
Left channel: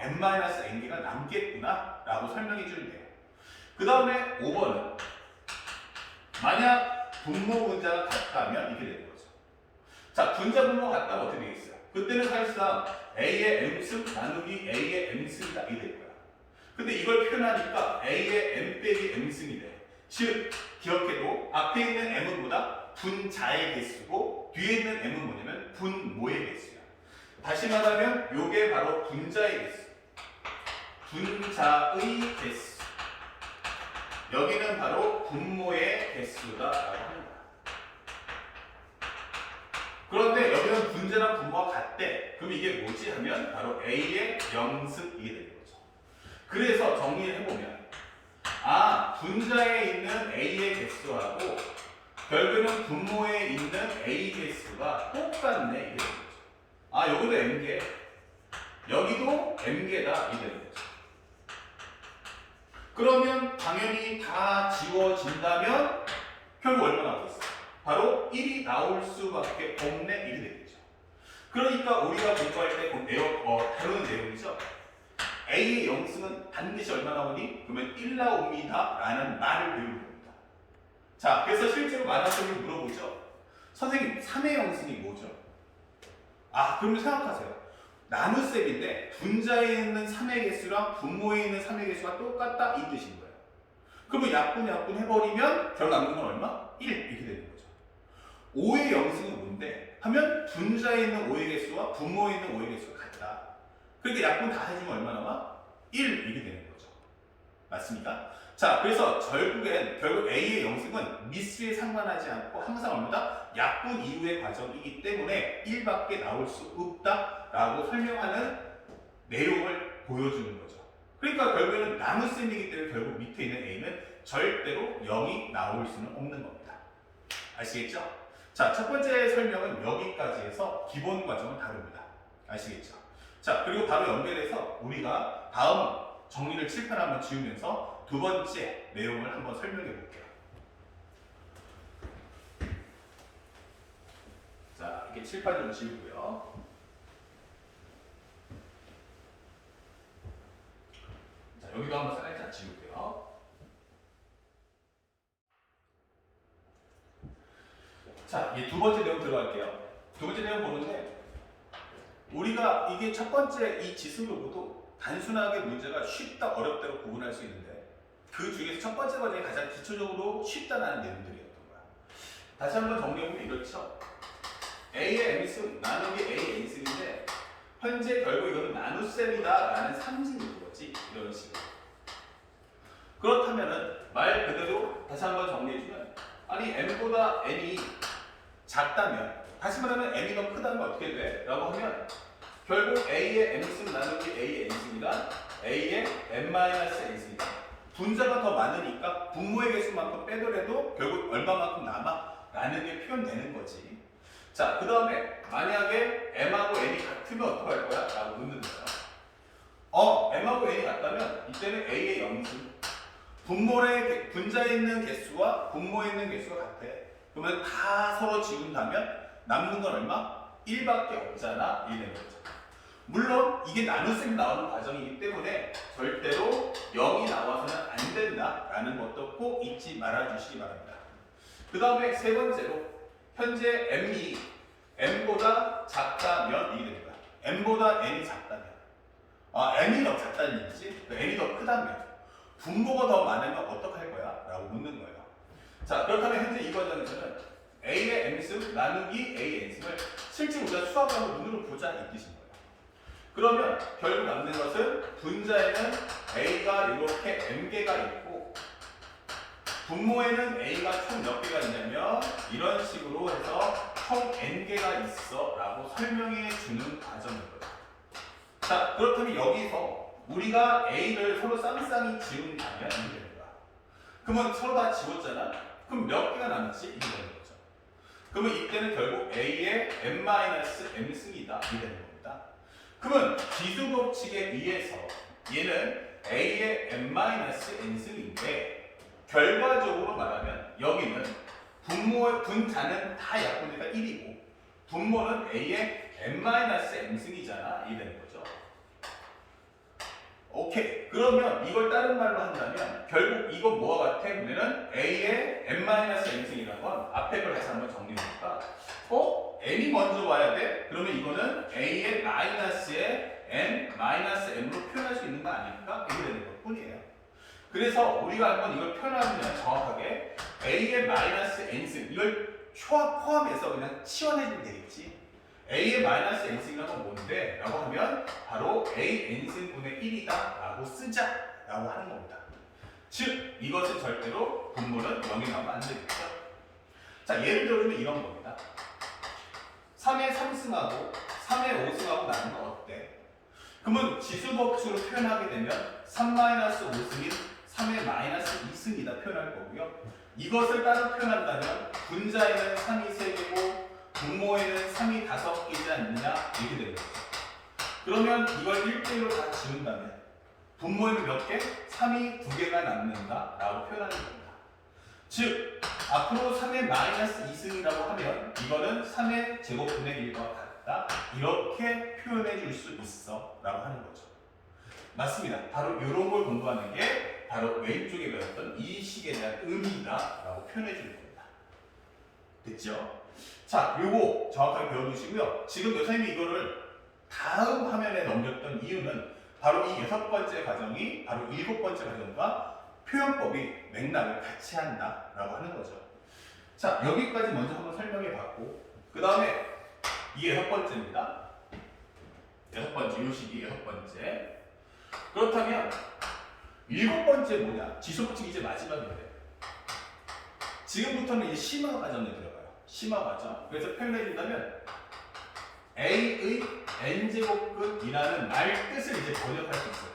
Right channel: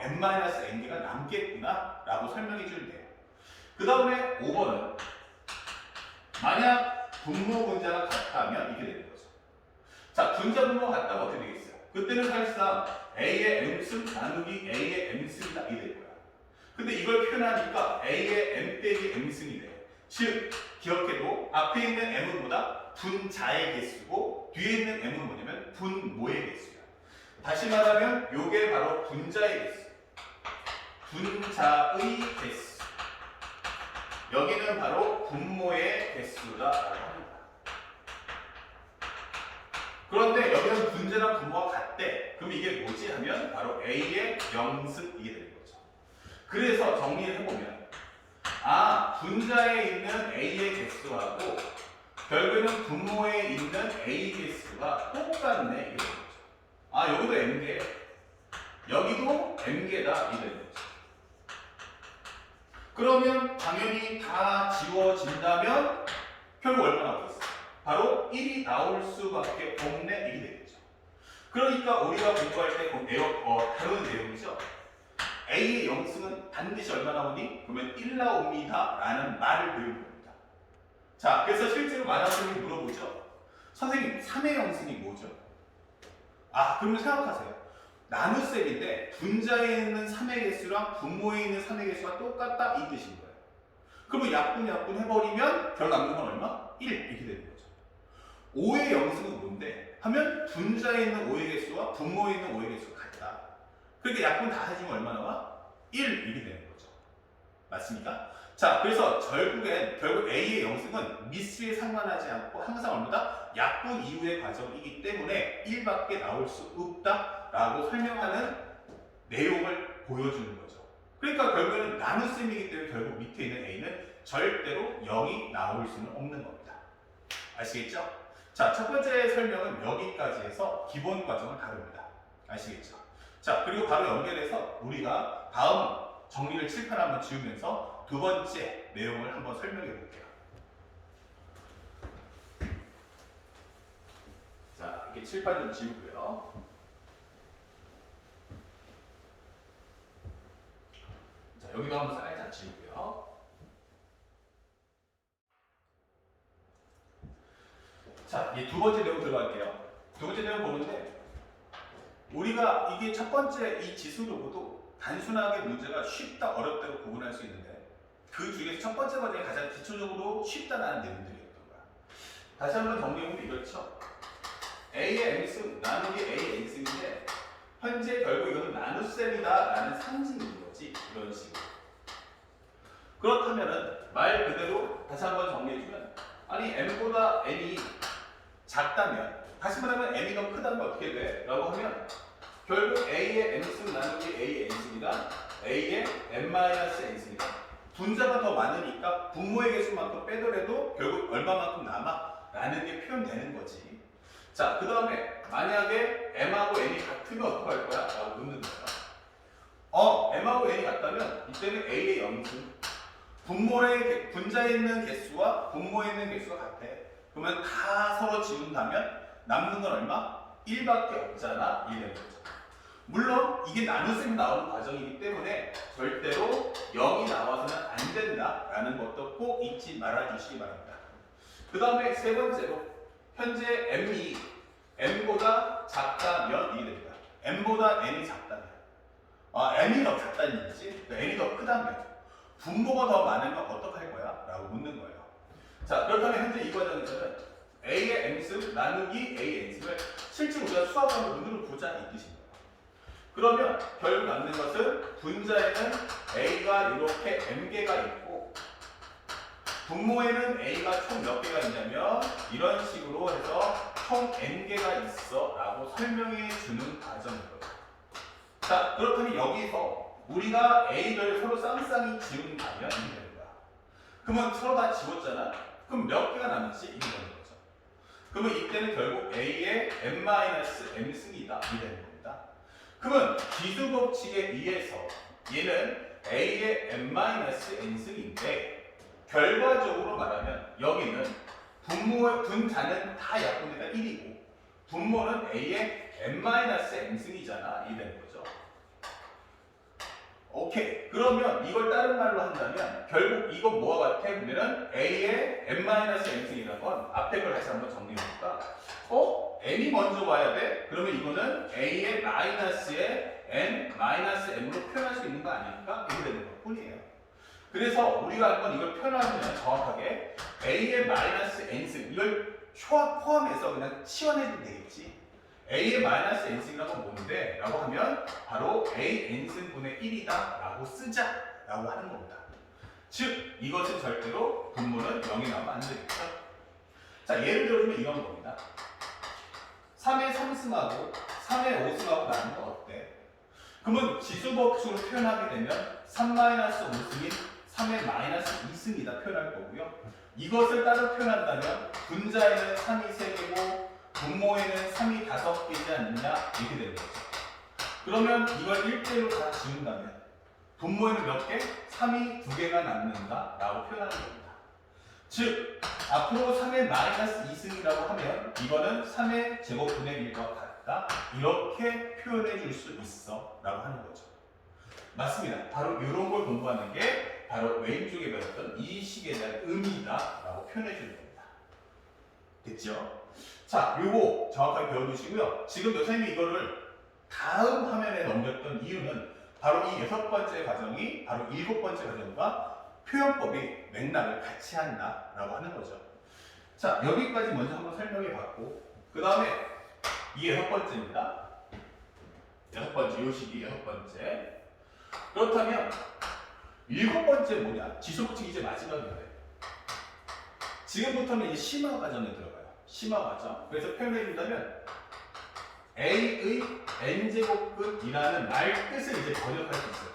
n-n개가 남겠구나 라고 설명해 주면 돼요. 그 다음에 5번은 만약 분모 분자가 같다면 이렇게 되는 거죠. 자, 분자 분모가 같다면 어떻게 되겠어요? 그때는 사실상 A의 M승 나누기 A의 M승이다 이게 될 거야. 근데 이걸 표현하니까 A의 M 빼기 M승이 돼. 즉, 기억해도 앞에 있는 M은 뭐다? 분자의 개수고 뒤에 있는 M은 뭐냐면 분모의 개수야. 다시 말하면 요게 바로 분자의 개수. 분자의 개수. 여기는 바로 분모의 개수다라고 합니다. 그런데 여기는 분자랑 분모가 같대. 그럼 이게 뭐지 하면 바로 A의 영승이 되는 거죠. 그래서 정리를 해보면 분자에 있는 A의 개수하고 결국에는 분모에 있는 A 개수가 똑같네 이게 되는 거죠. 여기도 N개, 여기도 N개다 이게 되는 거죠. 그러면 당연히 다 지워진다면 결국 얼마 나오겠어? 바로 1이 나올 수밖에 없네 1이 되겠죠. 그러니까 우리가 공부할 때 다루는 내용이죠. A의 영승은 반드시 얼마 나오니? 그러면 1 나옵니다 라는 말을 배우는 겁니다. 자, 그래서 실제로 만화선생님이 물어보죠. 선생님 3의 영승이 뭐죠? 그러면 생각하세요. 나눗셈인데 분자에 있는 3의 개수랑 분모에 있는 3의 개수가 똑같다 이 뜻인 거예요. 그러면 약분 해버리면 결국 남는 건 얼마? 1 이렇게 되는 거죠. 5의 영승은 뭔데? 하면 분자에 있는 5의 개수와 분모에 있는 5의 개수가 같다. 그러니까 약분 다 해주면 얼마 나와? 1 이렇게 되는 거죠. 맞습니까? 자, 그래서 결국 A의 영승은 미수에 상관하지 않고 항상 얼마다? 약분 이후의 과정이기 때문에 1밖에 나올 수 없다라고 설명하는 내용을 보여주는 거죠. 그러니까 결국에는 나눗셈이기 때문에 결국 밑에 있는 A는 절대로 0이 나올 수는 없는 겁니다. 아시겠죠? 자, 첫 번째 설명은 여기까지 해서 기본 과정을 다룹니다. 아시겠죠? 자, 그리고 바로 연결해서 우리가 다음 정리를 칠판 한번 지우면서 두 번째 내용을 한번 설명해 볼게요. 자, 이게 칠판 좀 지우고요. 자, 여기도 한번 살짝 지우고요. 자, 이제 두 번째 내용 들어갈게요. 두 번째 내용 보는데 우리가 이게 첫 번째 이 지수를 보도 단순하게 문제가 쉽다 어렵다로 구분할 수 있는데 그 중에서 첫 번째 과정이 가장 기초적으로 쉽다라는 내용들이었던 거야. 다시 한번 정리해보면 이렇죠. A의 M승 나누기 A의 N승인데 현재 결국 이거는 나눗셈이다 라는 상징인 거지. 이런 식으로. 그렇다면은 말 그대로 다시 한번 정리해주면 아니 M보다 N이 작다면 다시 말하면 N이 더 크다는 건 어떻게 돼? 라고 하면 결국 A의 M승 나누기 A의 N승이다 A의 N-N승이다 분자가 더 많으니까 분모의 개수만큼 빼더라도 결국 얼마만큼 남아? 라는 게 표현되는 거지. 자, 그 다음에 만약에 M하고 N이 같으면 어떡할 거야? 라고 묻는 거야. M하고 N이 같다면 이때는 A의 영승 분자에 있는 개수와 분모에 있는 개수가 같아. 그러면 다 서로 지운다면 남는 건 얼마? 1밖에 없잖아. 이게 되는 거죠. 물론 이게 나눗셈이 나오는 과정이기 때문에 절대로 0이 나와서는 안 된다라는 것도 꼭 잊지 말아주시기 바랍니다. 그 다음에 세 번째로 현재 M이 N보다 작다면 이게 됩니다. N보다 N이 작다면 N이 더 작다는 얘기지. N이 더 크다면 분모가 더 많으면 어떡할 거야? 라고 묻는 거예요. 자, 그렇다면 현재 이 과정에서는 A의 M승 나누기 A의 N승을 실제 우리가 수학으로 눈으로 보자 이 뜻인 거예요. 그러면 결국 남는 것은 분자에는 A가 이렇게 M개가 있고 분모에는 A가 총 몇 개가 있냐면 이런 식으로 해서 총 N개가 있어 라고 설명해 주는 과정인 거예요. 자, 그렇다면 여기서 우리가 A를 서로 쌍쌍이 지운다면 이게 되는 거야. 그러면 서로 다 지웠잖아? 그럼 몇 개가 남지? 이게 되는 거죠. 그러면 이때는 결국 A의 N-M승이다. 이게 되는 겁니다. 그러면 기수 법칙에 의해서 얘는 A의 N-N승인데 결과적으로 말하면 여기는 분자는 다 약분되니까 1이고 분모는 A의 N-N승이잖아. 이게 되는 거죠. 오케이. 그러면 이걸 다른 말로 한다면 결국 이거 뭐와 같아? 보면은 A의 N-N승이라는 건 앞에 걸 다시 한번 정리해볼까? N이 먼저 와야 돼? 그러면 이거는 A의 마이너스에 N-M으로 표현할 수 있는 거 아닙니까? 이렇게 되는 것 뿐이에요. 그래서 우리가 한번 이걸 표현하면 정확하게 A의 마이너스 N승 이걸 포함해서 그냥 치환해주면 되겠지. A의 마이너스 N승이라는 건 뭔데? 라고 하면 바로 A N승분의 1이다 라고 쓰자 라고 하는 겁니다. 즉 이것은 절대로 분모는 0이 나오면 안 되겠죠. 자, 예를 들면 이런 겁니다. 3의 3승하고 3의 5승하고 나누면 어때? 그러면 지수법칙으로 표현하게 되면 3-5승인 3의 마이너스 2승이다 표현할 거고요. 이것을 따로 표현한다면 분자에는 3이 3개고 분모에는 3이 5개지 않느냐 이렇게 되는 거죠. 그러면 이걸 1대1로 다 지운다면 분모에는 몇 개? 3이 2개가 남는다 라고 표현하는 겁니다. 즉 앞으로 3의 마이너스 2승이라고 하면 이거는 3의 제곱분의 1과 같다 이렇게 표현해 줄 수 있어 라고 하는 거죠. 맞습니다. 바로 이런 걸 공부하는 게 바로 왼쪽에 배웠던 이 식에 대한 의미다라고 표현해 주는 겁니다. 됐죠? 자, 요거 정확하게 배워두시고요. 지금 선생님이 이거를 다음 화면에 넘겼던 이유는 바로 이 6번째 과정이 바로 7번째 과정과 표현법이 맥락을 같이 한다라고 하는 거죠. 자, 여기까지 먼저 한번 설명해 봤고, 그 다음에 이 6번째입니다. 6번째, 요 식이 6번째. 그렇다면 7번째 뭐냐? 지속식 이제 마지막인데. 지금부터는 이제 심화 과정에 들어가요. 심화 과정. 그래서 표현해 준다면 A의 n제곱근이라는 말 뜻을 이제 번역할 수 있어요.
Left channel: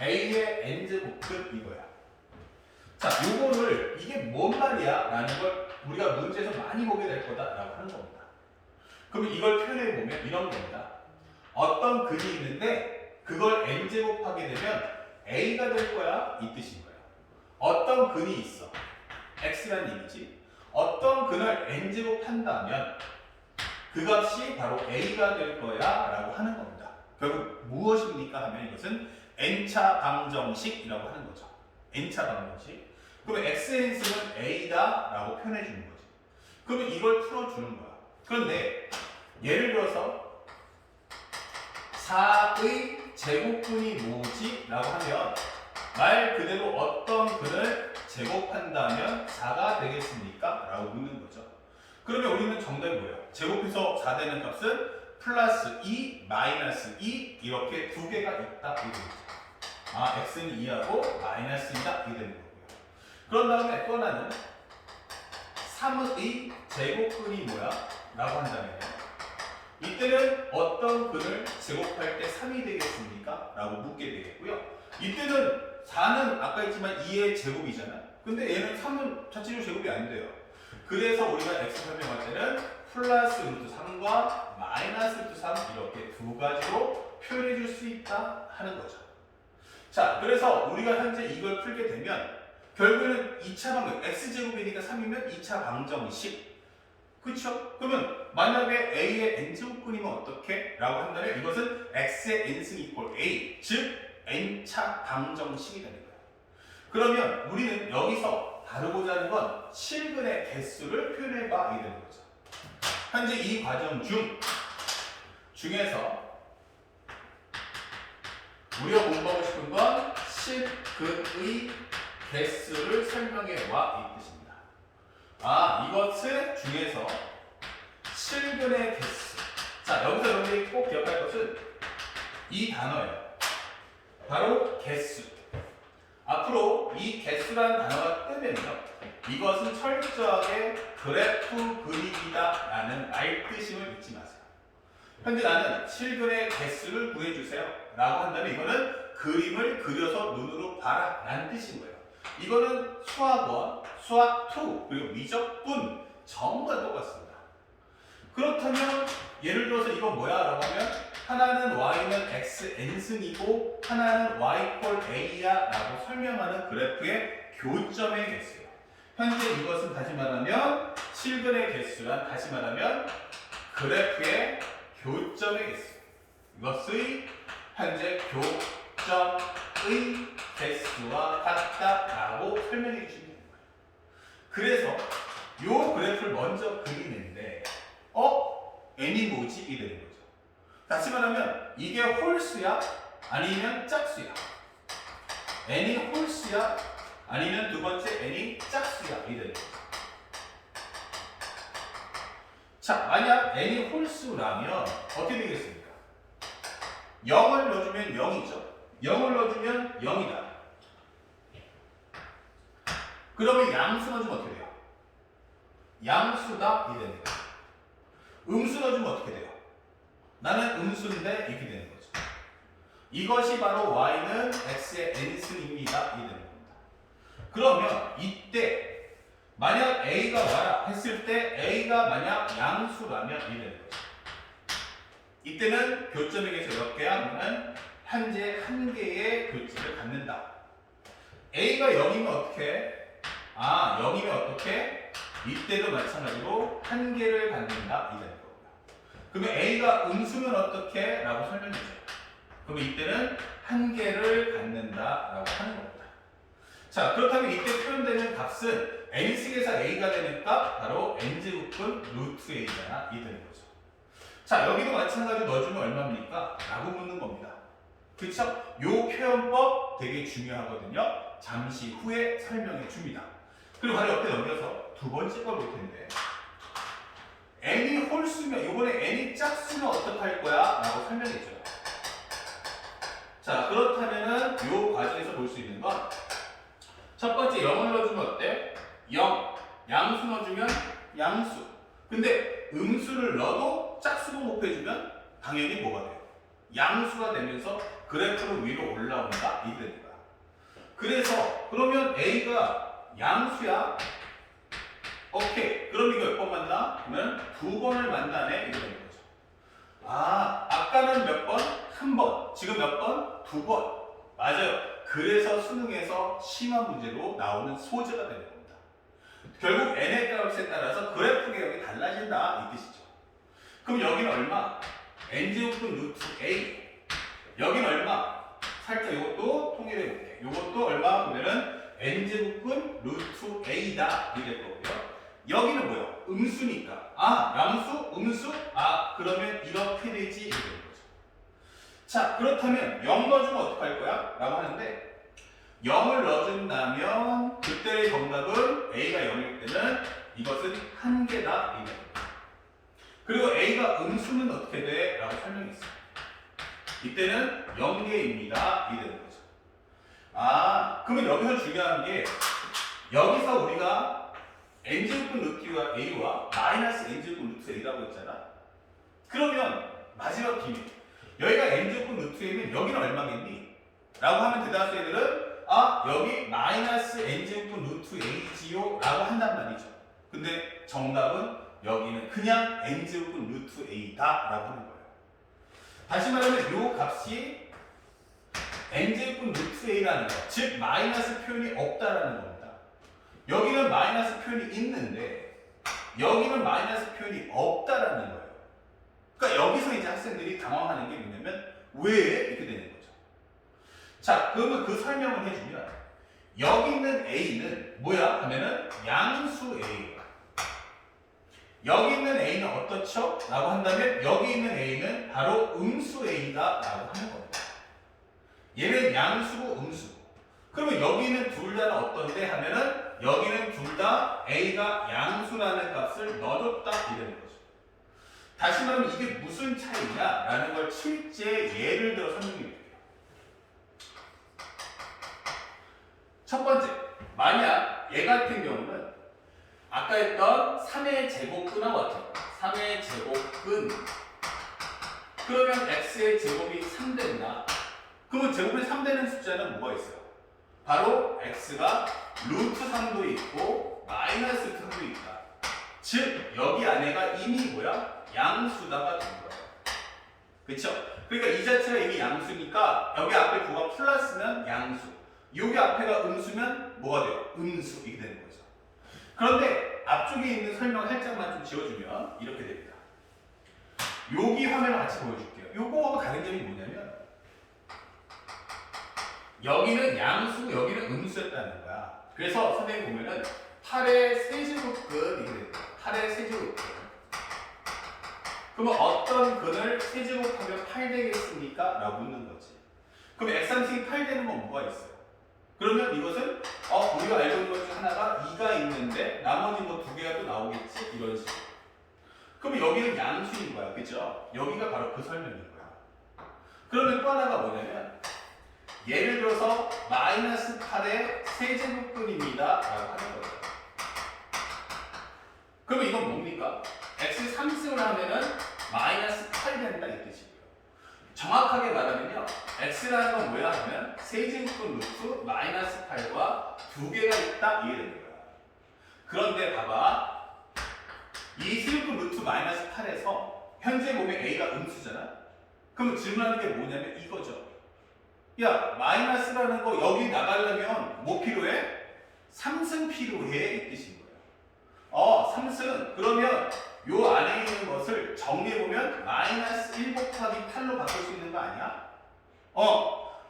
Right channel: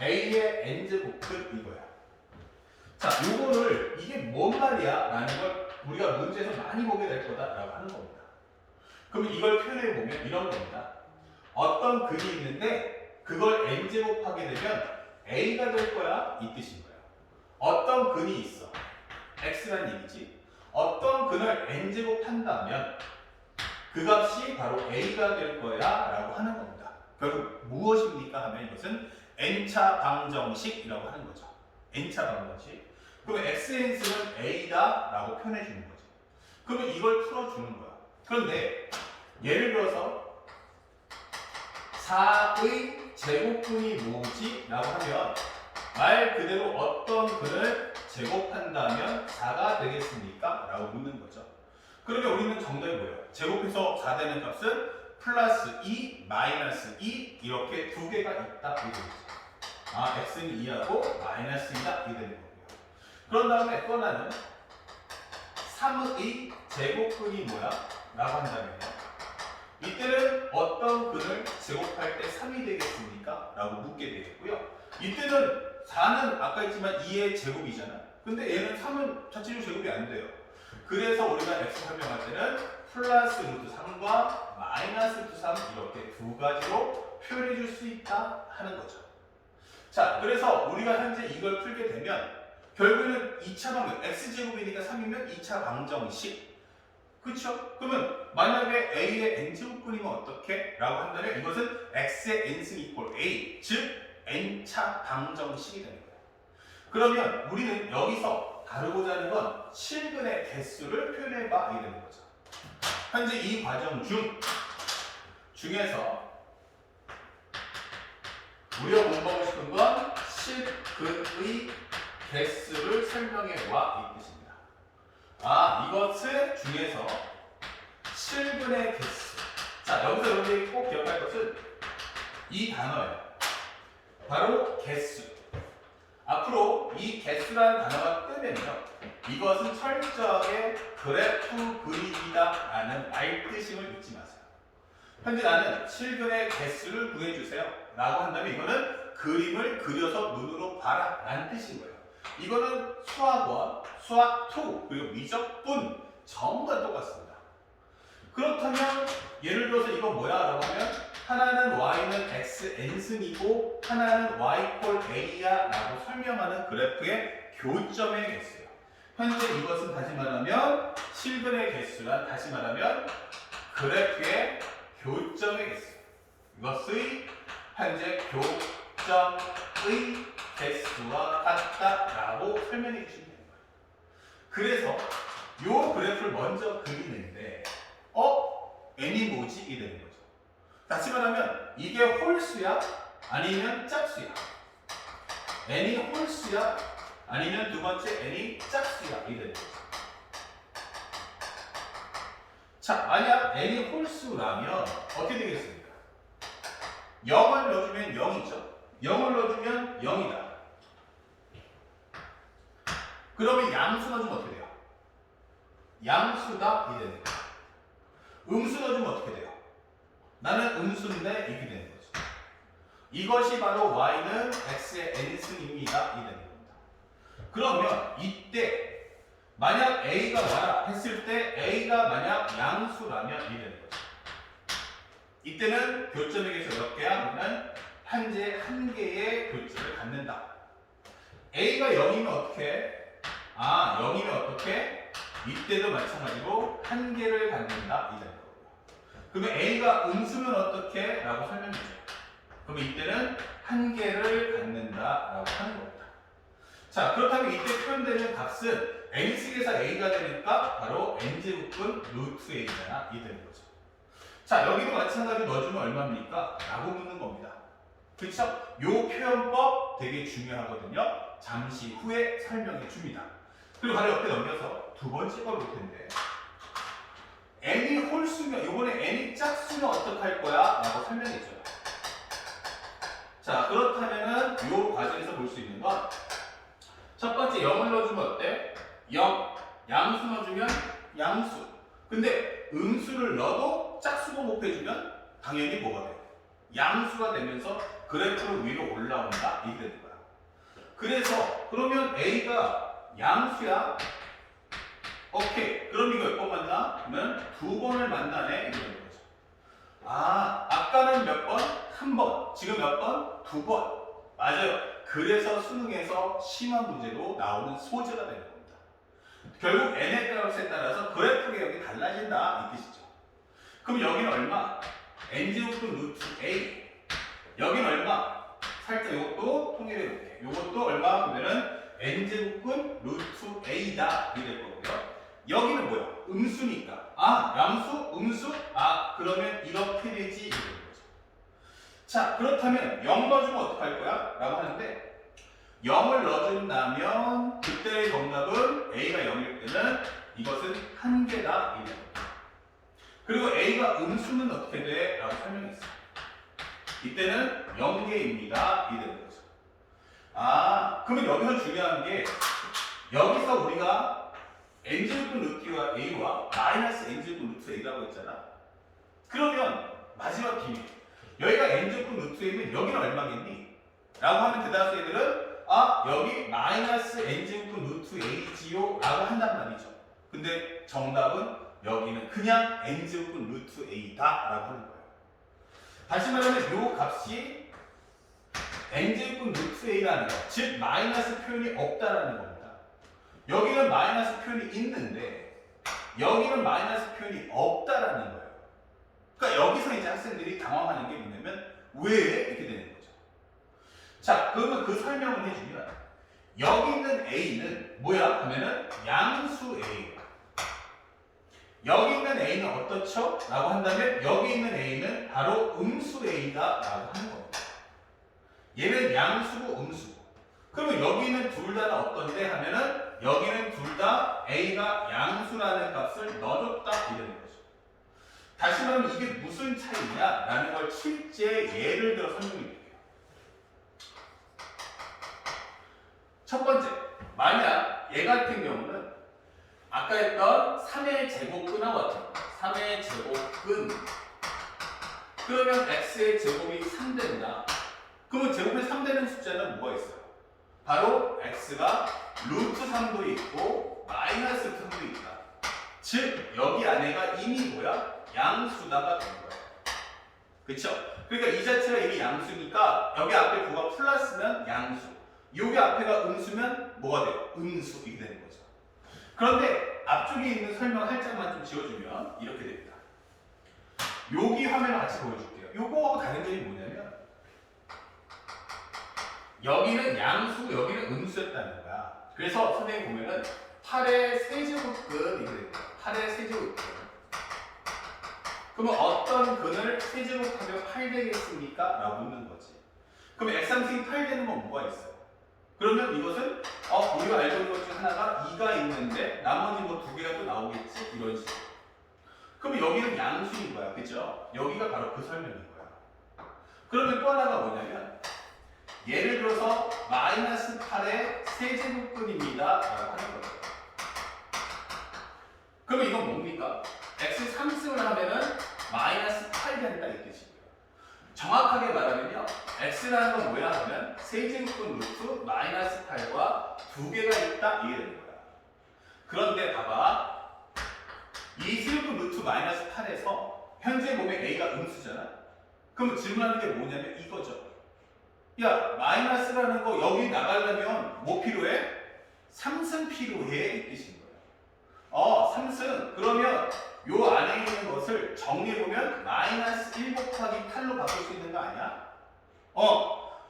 A의 n제곱근 이거야. 자, 요거를 이게 뭔 말이야? 라는 걸 우리가 문제에서 많이 보게 될 거다라고 하는 겁니다. 그럼 이걸 표현해 보면 이런 겁니다. 어떤 근이 있는데 그걸 n제곱하게 되면 A가 될 거야? 이 뜻인 거예요. 어떤 근이 있어. X란 얘기지. 어떤 근을 n제곱 한다면 그 값이 바로 A가 될 거야 라고 하는 겁니다. 결국 무엇입니까 하면 이것은 n차 방정식이라고 하는 거죠. n차 방정식. 그러면 xn수는 A다 라고 표현해 주는 거지. 그러면 이걸 풀어주는 거야. 그런데 예를 들어서 4의 제곱근이 뭐지? 라고 하면 말 그대로 어떤 근을 제곱한다면 4가 되겠습니까? 라고 묻는 거죠. 그러면 우리는 정답이 뭐예요? 제곱해서 4 되는 값은 플러스 2, 마이너스 2 이렇게 두 개가 있다. 이게 되죠. 아, x는 2하고 마이너스 2다. 이게 되는 거고요. 그런 다음에 또 하나는 3의 제곱근이 뭐야? 라고 한다면요. 이때는 어떤 근을 제곱할 때 3이 되겠습니까? 라고 묻게 되겠고요. 이때는 4는 아까 했지만 2의 제곱이잖아요. 근데 얘는 3은 자체적으로 제곱이 안 돼요. 그래서 우리가 x 설명할 때는 플러스 루트 3과 마이너스 루트 3 이렇게 두 가지로 표현해 줄 수 있다 하는 거죠. 자, 그래서 우리가 현재 이걸 풀게 되면 결국에는 2차 방정, x제곱이니까 3이면 2차 방정식. 그쵸? 그러면 만약에 a의 n제곱근이면 어떻게? 라고 한다면 이것은 x의 n승 이퀄 a, 즉 n차 방정식이 되는 거예요. 그러면 우리는 여기서 다루고자 하는 건 실근의 개수를 표현해봐 이게 되는 거죠. 현재 이 과정 중에서 우리가 공부하고 싶은 건 실근의 개수를 설명해와 이 뜻입니다. 아, 이것을 중에서 실근의 개수. 자, 여기서 여러분이 꼭 기억할 것은 이 단어예요. 바로 개수. 앞으로 이 개수라는 단어가 뜨면요, 이것은 철저하게 그래프 그리기다 라는 말뜻임을 잊지 마세요. 현재 나는 실근의 개수를 구해주세요 라고 한다면 이거는 그림을 그려서 눈으로 봐라 라는 뜻인 거예요. 이거는 수학원, 수학2 그리고 미적분 전부 다 똑같습니다. 그렇다면 예를 들어서 이건 뭐야 라고 하면 하나는 y는 xn승이고 하나는 y 꼴 a야 라고 설명하는 그래프의 교점의 개수예요. 현재 이것은 다시 말하면 실근의 개수란 다시 말하면 그래프의 교점의 개수. 이것의 현재 교점의 개수와 같다라고 설명해 주시면 되는 거예요. 그래서 이 그래프를 먼저 그리는데 n이 뭐지? 이 되는 거죠. 다시 말하면 이게 홀수야? 아니면 짝수야? n이 홀수야? 아니면 두 번째 n이 짝수야? 이 되는 거죠. 자, 만약 n이 홀수라면 어떻게 되겠습니까? 0을 넣어주면 0이죠. 0을 넣어주면 0이다. 그러면 양수 넣어주면 어떻게 돼요? 양수다. 이 되는 거죠. 음수 넣어주면 어떻게 돼요? 나는 음수인데 이렇게 되는 거죠. 이것이 바로 y는 x의 n승입니다. 이 되는 겁니다. 그러면 이때 만약 a가 와라 했을 때 a가 만약 양수라면 이 되는 거죠. 이때는 교점의 개수 몇 개야? 그러면 현재 한 개의 교점을 갖는다. a가 0이면 어떻게? 0이면 어떻게? 이때도 마찬가지로 한 개를 갖는다. 이 되는 겁니다. 그러면 a가 음수면 어떻게? 라고 설명해줘요. 그러면 이때는 한계를 갖는다라고 하는 겁니다. 자, 그렇다면 이때 표현되는 값은 n승에서 a가 되니까 바로 n제곱분 루트 a잖아. 이 되는 거죠. 자, 여기도 마찬가지로 넣어주면 얼마입니까? 라고 묻는 겁니다. 그쵸? 요 표현법 되게 중요하거든요. 잠시 후에 설명해 줍니다. 그리고 바로 옆에 넘겨서 두 번째 걸 볼 텐데 n이 홀수면, 요번에 n이 짝수면 어떡할 거야? 라고 설명해 줘요. 자, 그렇다면은 요 과정에서 볼 수 있는 건 첫 번째 0을 넣어주면 어때? 0. 양수 넣어주면 양수. 근데 음수를 넣어도 짝수로 곱해주면 당연히 뭐가 돼요? 양수가 되면서 그래프로 위로 올라온다. 이게 되는 거야. 그래서 그러면 A가 양수야. 오케이. 그럼 이거 몇 번 만나? 그러면 두 번을 만나네. 이게 되는 거죠. 아, 아까는 몇 번? 한 번. 지금 몇 번? 두 번. 맞아요. 그래서 수능에서 심화 문제로 나오는 소재가 되는 겁니다. 결국 n의 값에 따라서 그래프 개혁이 달라진다. 이 뜻이죠. 그럼 여기는 얼마? n제곱분 루트 a. 여기는 얼마? 살짝 이것도 통일해 볼게. 이것도 얼마? 보면은 n제곱분 루트 a다. 이렇게 될 거고요. 여기는 뭐야? 음수니까. 아, 양수? 음수? 아, 그러면 이렇게 되지. 이렇게 되는 거죠. 자, 그렇다면 0 넣어주면 어떡할 거야? 라고 하는데 0을 넣어준다면 그때의 정답은 a가 0일 때는 이것은 한계다. 이렇게 됩니다. 그리고 a가 음수는 어떻게 돼? 라고 설명했어요. 이때는 0개입니다. 이 되는 거죠. 아, 그러면 여기서 중요한 게 여기서 우리가 n제곱분 루트 a와 마이너스 n제곱분 루트 a라고 했잖아. 그러면 마지막 비밀. 여기가 n제곱분 루트 a면 여기는 얼마겠니? 라고 하면 대다수 애들은 아, 여기 마이너스 n제곱분 루트 a지요? 라고 한단 말이죠. 근데 정답은 여기는 그냥 n제곱분 루트 a다 라고 하는 거예요. 다시 말하면 이 값이 n제곱분 루트 a라는 거, 즉 마이너스 표현이 없다라는 겁니다. 여기는 마이너스 표현이 있는데 여기는 마이너스 표현이 없다라는 거예요. 그러니까 여기서 이제 학생들이 당황하는 게 뭐냐면 왜 이렇게 되는 거죠. 자, 그러면 그 설명을 해주면 여기 있는 a는 뭐야? 하면은 양수 a예요. 여기 있는 a는 어떻죠? 라고 한다면 여기 있는 a는 바로 음수 a다 라고 하는 겁니다. 얘는 양수고 음수고. 그러면 여기는 둘 다는 어떤데? 하면은 여기는 둘 다 a가 양수라는 값을 넣어줬다 이러는 거죠. 다시 말하면 이게 무슨 차이냐? 라는 걸 실제 예를 들어 설명해 드릴게요. 첫 번째, 만약 얘 같은 경우는 아까 했던 3의 제곱근하고 같아요. 3의 제곱근. 그러면 x의 제곱이 3된다. 그러면 제곱이 3되는 숫자는 뭐가 있어요? 바로 x가 루트 3도 있고 마이너스 3도 있다. 즉 여기 안에가 이미 뭐야? 양수다가 된 거예요. 그렇죠? 그러니까 이 자체가 이미 양수니까 여기 앞에 부가 플러스면 양수, 여기 앞에가 음수면 뭐가 돼요? 음수. 이게 되는 거죠. 그런데 앞쪽에 있는 설명을 살짝만 좀 지워주면 이렇게 됩니다. 여기 화면을 같이 보여줄게요. 요거하고 다른 점이 뭐냐면 여기는 양수고 여기는 음수였다는 거야. 그래서 선생님 보면은 8의 세제곱근 이렇게 됩니다. 8의 세제곱근. 그러면 어떤 근을 세제곱하면 8 되겠습니까? 라고 묻는 거지. 그럼 x3승이 8 되는 건 뭐가 있어요? 그러면 이것은 우리가 알고 있는 것 중에 하나가 2가 있는데 나머지 뭐 2개가 또 나오겠지? 이런 식으로. 그럼 여기는 양수인 거야. 그죠? 여기가 바로 그 설명인 거야. 그러면 또 하나가 뭐냐면 예를 들어서 마이너스 8의 세제곱근입니다. 라고 하는 거죠. 그러면 이건 뭡니까? x 3승을 하면은 마이너스 8이 된다 이 뜻이고요. 정확하게 말하면요. x라는 건 뭐야 하면 세제곱근 루트 마이너스 8과 두 개가 있다 이게 되는 거야. 그런데 봐봐. 이 세제곱근 루트 마이너스 8에서 현재 보면 a가 음수잖아. 그럼 질문하는 게 뭐냐면 이거죠. 야, 마이너스라는 거 여기 나가려면 뭐 필요해? 3승 필요해 이 뜻인 거예요. 3승. 그러면 요 안에 있는 것을 정리해보면 마이너스 1 곱하기 8로 바꿀 수 있는 거 아니야?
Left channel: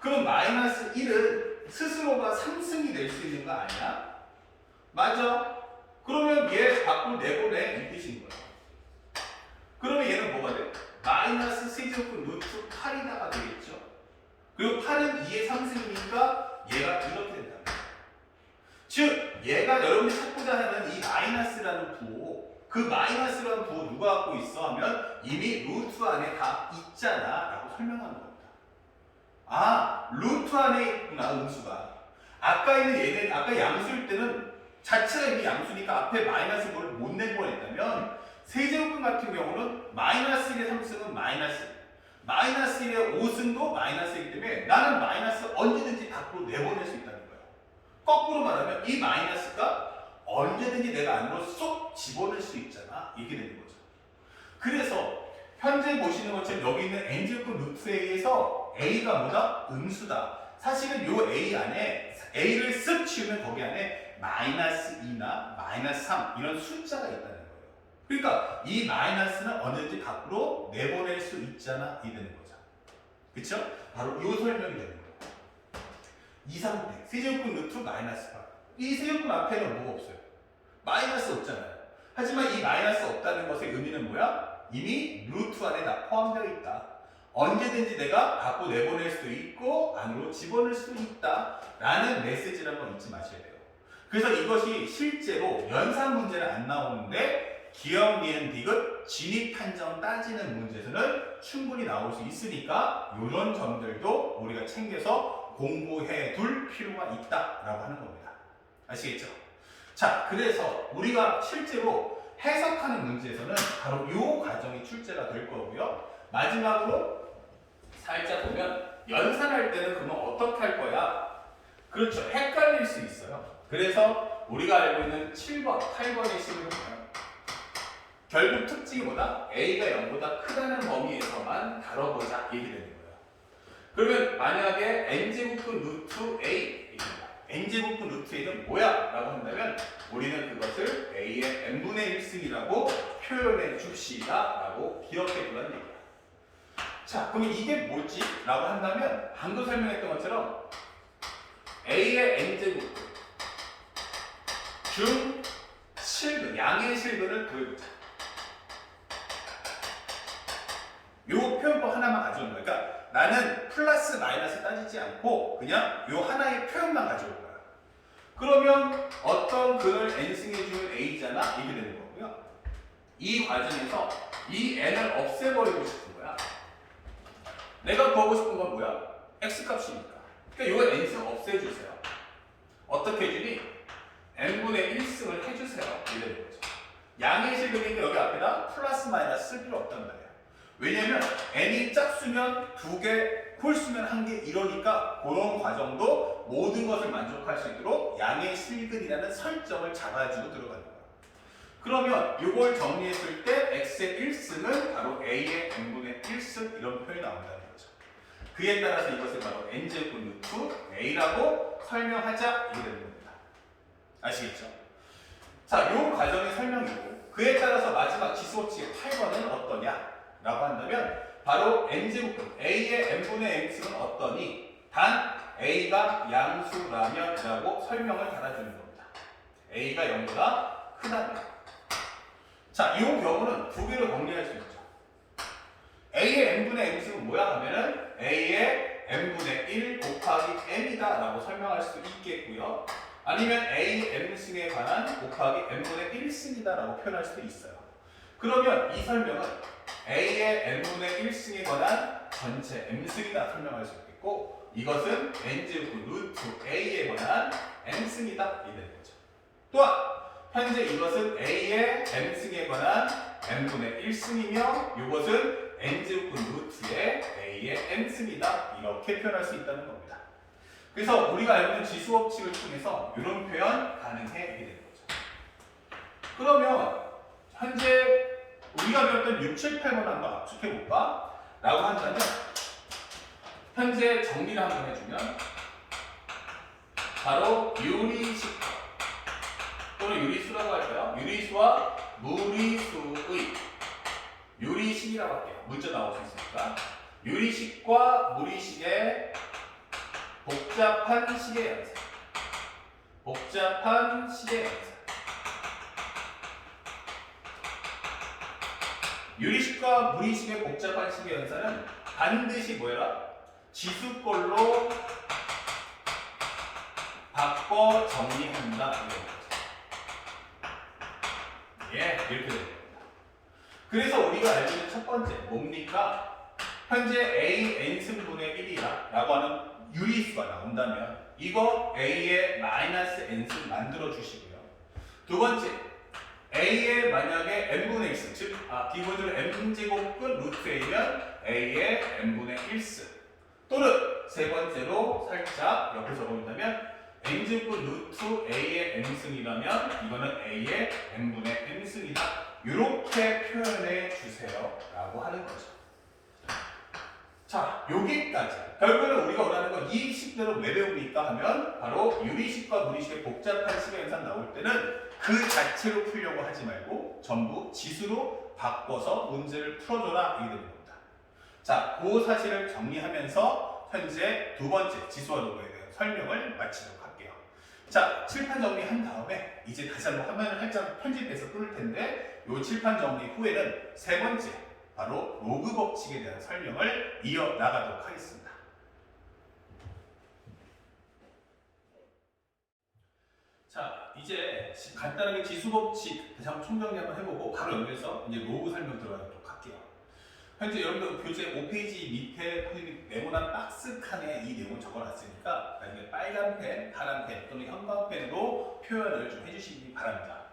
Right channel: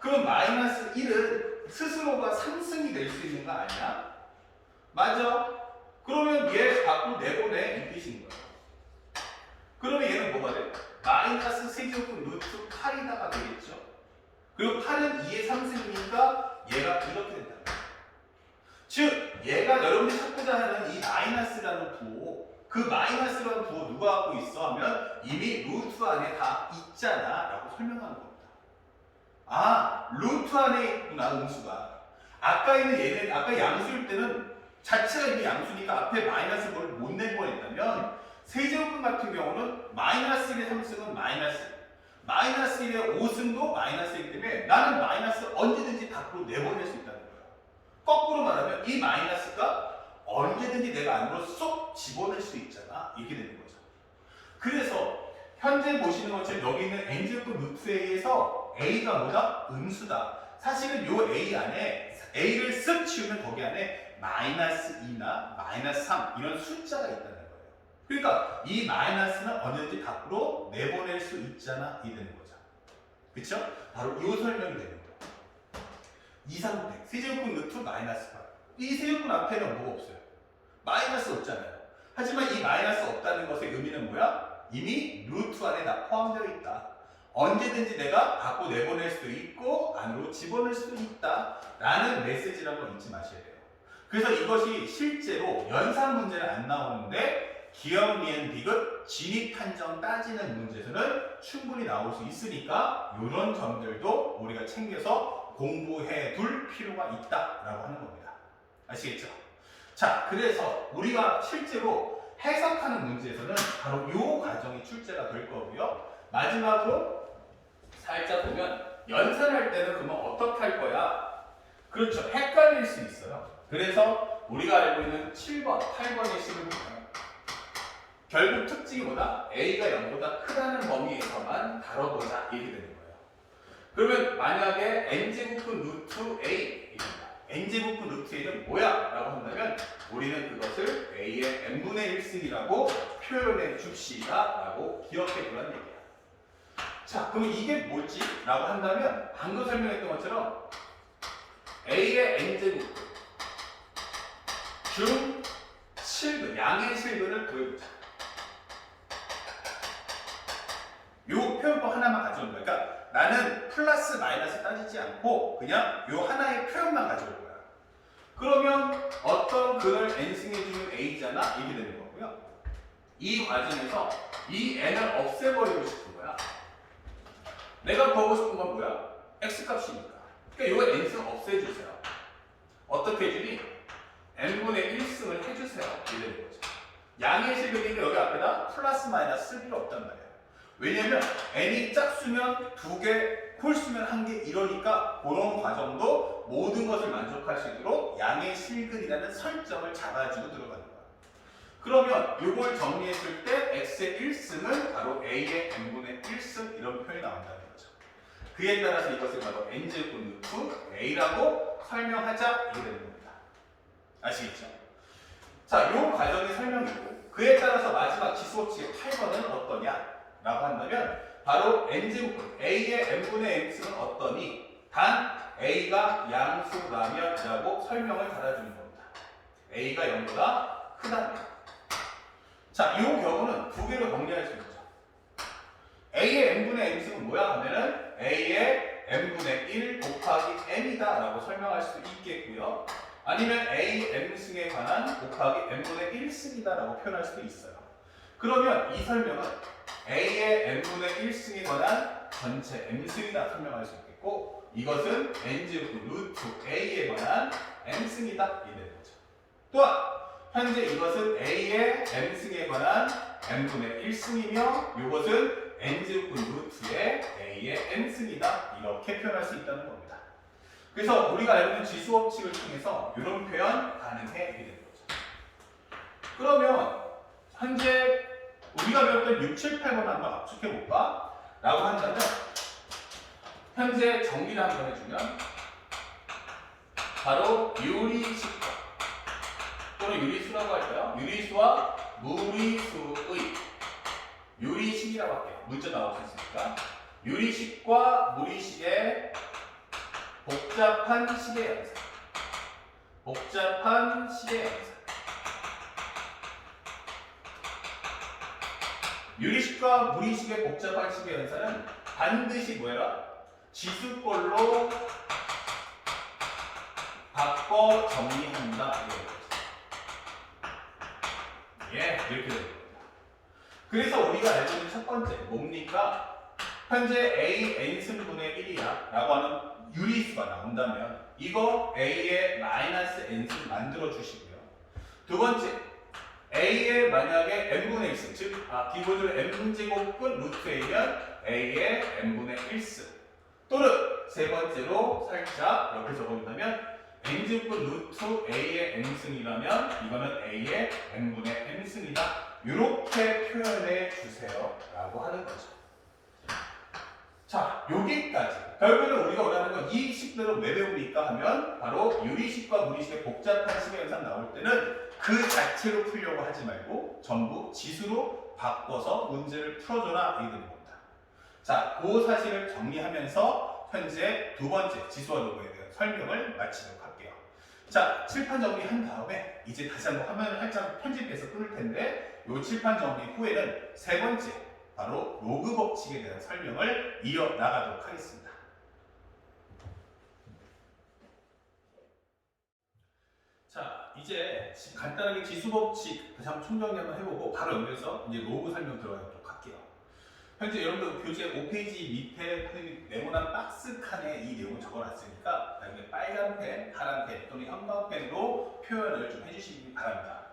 그럼 마이너스 1은 스스로가 상승이 될 수 있는 거 아니야? 맞아? 그러면 얘 밖으로 내보내 이 뜻인 거야. 그러면 얘는 뭐가 돼? 마이너스 세제곱근 루트 8이다가 되겠죠? 그리고 8은 2의 상승이니까 얘가 이렇게 된다. 즉 얘가 여러분이 찾고자 하는 이 마이너스라는 부호, 그 마이너스라는 부호 누가 갖고 있어 하면 이미 루트 안에 다 있잖아 라고 설명하는 겁니다. 아, 루트 안에 있구나 음수가. 아까 있는 얘는 아까 양수일 때는 자체가 이미 양수니까 앞에 마이너스 뭘 못 낸 거였다면 세제곱근 같은 경우는 마이너스 1의 3승은 마이너스 1의 5승도 마이너스이기 때문에 나는 마이너스 언제든지 밖으로 내보낼 수 있다는 거예요. 거꾸로 말하면 이 마이너스가 언제든지 내가 안으로 쏙 집어넣을 수 있잖아. 이렇게 되는 거죠. 그래서 현재 보시는 것처럼 여기 있는 n제곱 루트 a에서 a가 뭐다? 음수다. 사실은 이 a 안에 a를 쓱 치우면 거기 안에 마이너스 2나 마이너스 3 이런 숫자가 있다는 거예요. 그러니까 이 마이너스는 언제든지 밖으로 내보낼 수 있잖아. 이 되는 거죠. 그쵸? 바로 이 설명이 되는 거예요. 2, 3, 세제곱근 루트 마이너스 8. 이 세제곱근 앞에는 뭐가 없어요? 마이너스 없잖아요. 하지만 이 마이너스 없다는 것의 의미는 뭐야? 이미 루트 안에 다 포함되어 있다. 언제든지 내가 밖으로 내보낼 수 있고 안으로 집어넣을 수 있다 라는 메시지라는 걸 잊지 마셔야 돼요. 그래서 이것이 실제로 연산 문제는 안 나오는데 기억, 니은, 디귿, 진입 판정 따지는 문제에서는 충분히 나올 수 있으니까 이런 점들도 우리가 챙겨서 공부해 둘 필요가 있다라고 하는 겁니다. 아시겠죠? 자, 그래서 우리가 실제로 해석하는 문제에서는 바로 이 과정이 출제가 될 거고요. 마지막으로 살짝 보면 연산할 때는 그러면 어떻게 할 거야? 그렇죠. 헷갈릴 수 있어요. 그래서 우리가 알고 있는 7번, 8번의 식으로 보면 결국 특징이 뭐다? A가 0보다 크다는 범위에서만 다뤄보자 이렇게 되는 거예요. 그러면 만약에 n제곱근 루트 A n제곱근 루트 A는 뭐야? 라고 한다면 우리는 그것을 A의 n분의 1승이라고 표현해 줍시다 라고 기억해 두라는 얘기야. 자, 그럼 이게 뭐지? 라고 한다면 방금 설명했던 것처럼 A의 n제곱근 중 실근, 양의 실근을 구해보자. 요 표현법 하나만 가져온 거야. 그러니까 나는 플러스 마이너스 따지지 않고 그냥 요 하나의 표현만 가져올 거야. 그러면 어떤 근을 n승해주는 a잖아? 이게 되는 거고요. 이 과정에서 이 n을 없애버리고 싶은 거야. 내가 구하고 싶은 건 뭐야? x값이니까. 그러니까 요 n승 없애주세요. 어떻게 해주니? n분의 1승을 해주세요. 이게 되는 거죠. 양의 실근인데 여기 앞에다 플러스 마이너스 쓸 필요 없단 말이야. 왜냐면 n이 짝수면 2개, 홀수면 1개 이러니까 그런 과정도 모든 것을 만족할 수 있도록 양의 실근이라는 설정을 잡아주고 들어가는 거야. 그러면 이걸 정리했을 때 x의 1승은 바로 a의 n분의 1승 이런 표현이 나온다는 거죠. 그에 따라서 이것을 바로 n제곱근 루트 a라고 설명하자 이게 되는 겁니다. 아시겠죠? 자, 이 과정의 설명이고 그에 따라서 마지막 지수법칙의 8번은 어떠냐? 라고 한다면 바로 n제곱근 a의 n분의 n승은 어떠니? 단 a가 양수라면 라고 설명을 달아주는 겁니다. a가 0보다 크다면. 자, 이 경우는 두 개로 정리할 수 있죠. a의 n분의 n승은 뭐야 하면은 a의 n분의 1 곱하기 n이다 라고 설명할 수도 있겠고요. 아니면 a n승에 관한 곱하기 n분의 1승이다 라고 표현할 수도 있어요. 그러면 이 설명은 a의 n분의 1승에 관한 전체 m승이다 설명할 수 있겠고 이것은 n제곱 루트 a에 관한 m승이다 이 되는 거죠. 또한 현재 이것은 a의 m승에 관한 n분의 1승이며 이것은 n제곱 루트의 a의 m승이다 이렇게 표현할 수 있다는 겁니다. 그래서 우리가 알고 있는 지수법칙을 통해서 이런 표현 가능해 이렇게 되는 거죠. 그러면 현재 우리가 배웠던 6, 7, 8번 한번 압축해볼까? 라고 한다면 현재 정리를 한번 해주면 바로 유리식과 또는 유리수라고 할까요? 유리수와 무리수의 유리식이라고 할게요. 문자 나올 수 있으니까 유리식과 무리식의 복잡한 식의 양상. 복잡한 식의 양상. 유리식과 무리식의 복잡한 식의 양상은 반드시 뭐야? 지수꼴로 바꿔 정리한다. 예, 이렇게 됩니다. 그래서 우리가 알고 있는 첫 번째 뭡니까? 현재 a n승분의 1이야 라고 하는 유리수가 나온다면 이거 a의 마이너스 n승 만들어 주시고요. 두 번째 a의 만약에 n분의 1승 즉 기본적으로 n제곱근 루트 a면 a의 n분의 1승 또는 세 번째로 살짝 옆에 적어본다면 n제곱근 루트 a의 n승이라면 이거는 a의 n분의 n승이다. 이렇게 표현해 주세요 라고 하는 거죠. 자, 여기까지. 결국은 우리가 원하는 건 이 식대로 왜 배웁니까 하면 바로 유리식과 무리식의 복잡한 식의 현상 나올 때는 그 자체로 풀려고 하지 말고 전부 지수로 바꿔서 문제를 풀어줘라 이게 되는 겁니다. 자, 그 사실을 정리하면서 현재 두 번째 지수와 로그에 대한 설명을 마치도록 할게요. 자, 칠판 정리한 다음에 이제 다시 한번 화면을 살짝 편집해서 끊을 텐데 이 칠판 정리 후에는 세 번째 바로 로그 법칙에 대한 설명을 이어나가도록 하겠습니다. 자, 이제 간단하게 지수 법칙 다시 한번 총정리 한번 해보고 바로 연결해서 이제 로그 설명 들어가도록 할게요. 현재 여러분들 교재 5페이지 밑에 네모난 박스 칸에 이 내용을 적어놨으니까 나중에 빨간 펜, 파란 펜 또는 형광펜으로 표현을 좀 해주시기 바랍니다.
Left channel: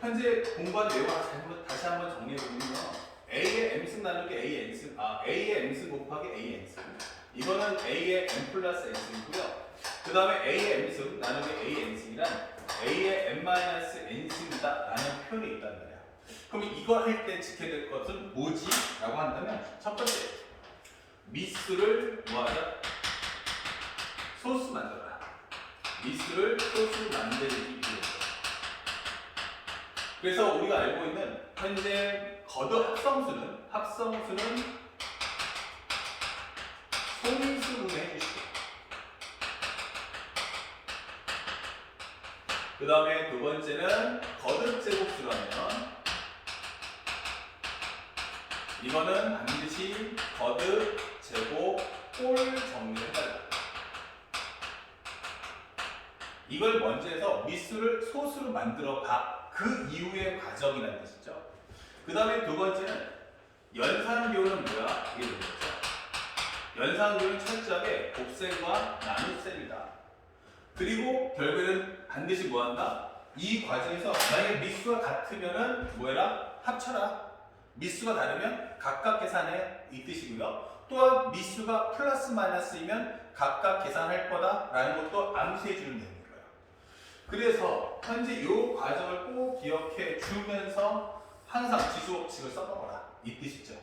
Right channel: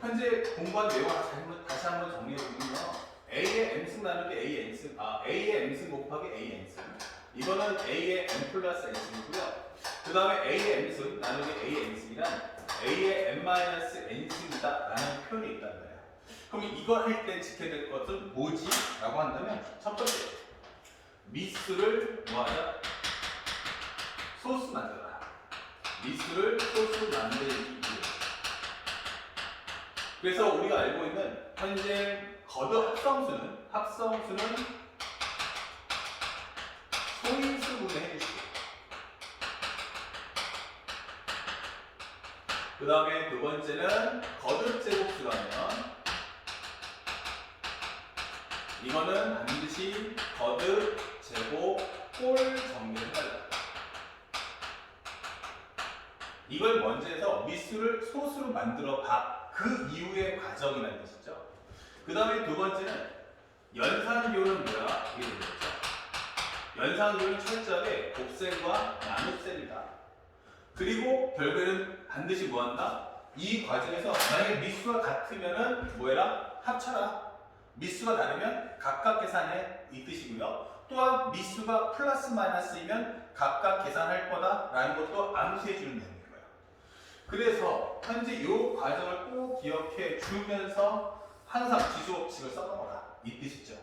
현재 공부한 내용을 다시 한번 정리해보면요. A의 M승 나누기 A의 N승, A의 M승 곱하기 A의 N승. 이거는 A의 M 플러스 N승이고요. 그 다음에 A의 M승 나누기 A의 N승이란 A의 M-N승이다 라는 표현이 있단 말이야. 그럼 이거 할 때 지켜야 될 것은 뭐지? 라고 한다면 첫 번째, 미수를 뭐하자? 소수 만들어라. 미수를 소수 만들기 위해. 그래서 우리가 알고 있는 현재 거듭 합성수는 소인수분해 해주시고 그 다음에 두 번째는 거듭 제곱수라면 이거는 반드시 거듭 제곱 꼴 정리를 하라. 이걸 먼저 해서 미수를 소수로 만들어 봐. 그 이후의 과정이라는 뜻이죠. 그 다음에 두 번째는 연산교는 뭐야? 이게 되겠죠. 연산교는 철저하게 곱셈과 나눗셈이다. 그리고 결국에는 반드시 뭐한다? 이 과정에서 만약에 미수가 같으면은 뭐해라? 합쳐라. 미수가 다르면 각각 계산해 이 뜻이고요. 또한 미수가 플러스 마이너스이면 각각 계산할 거다라는 것도 암시해 주는 내용인 거예요. 그래서 현재 이 과정을 꼭 기억해 주면서 항상 지수법칙을 써먹어라 이 뜻이죠.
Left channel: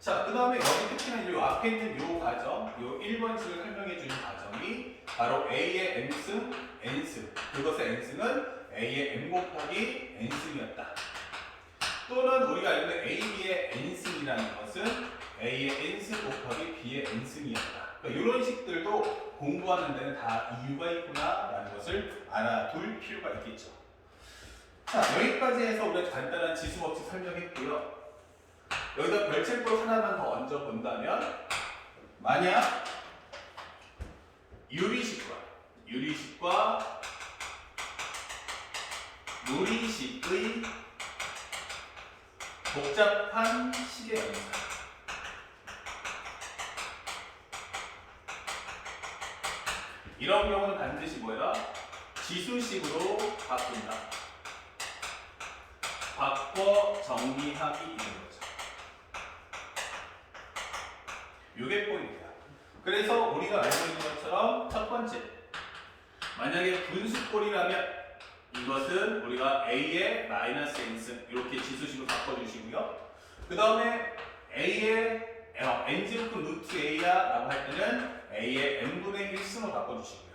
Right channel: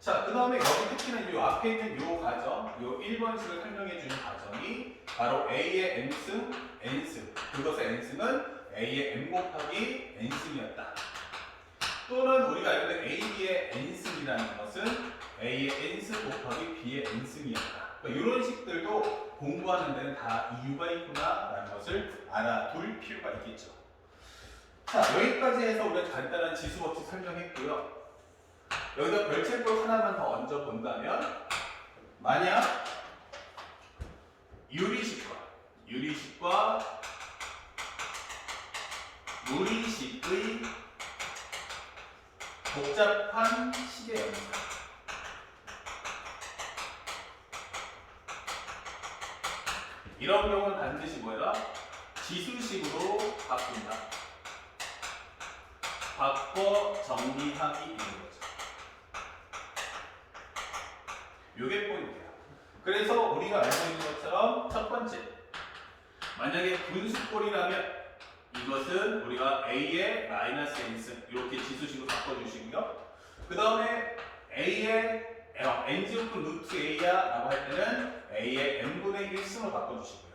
자, 그 다음에 여기 특히나 이 앞에 있는 이 과정, 이 1번식을 설명해 주는 과정이 바로 A의 M승, N승. 그것의 N승은 A의 M 곱하기 N승이었다. 또는 우리가 알고 있는 A, B의 N승이라는 것은 A의 N승 곱하기 B의 N승이었다. 그러니까 이런 식들도 공부하는 데는 다 이유가 있구나 라는 것을 알아둘 필요가 있겠죠. 자, 여기까지 해서 우리가 간단한 지수법칙 설명했고요. 여기다 별책도 하나만 더 얹어 본다면 만약 유리식과 무리식의 복잡한 식의 연산 이런 경우는 반드시 뭐야? 지수식으로 바꾼다. 바꿔 정리하기 이런 거죠. 이게 포인트야. 그래서 우리가 알고 있는 것처럼 첫 번째, 만약에 분수꼴이라면 이것은 우리가 A의 마이너스 N승 이렇게 지수식으로 바꿔주시고요. 그 다음에 A의 N제곱근 루트 A야 라고 할 때는 A의 N분의 1승으로 바꿔주시고요.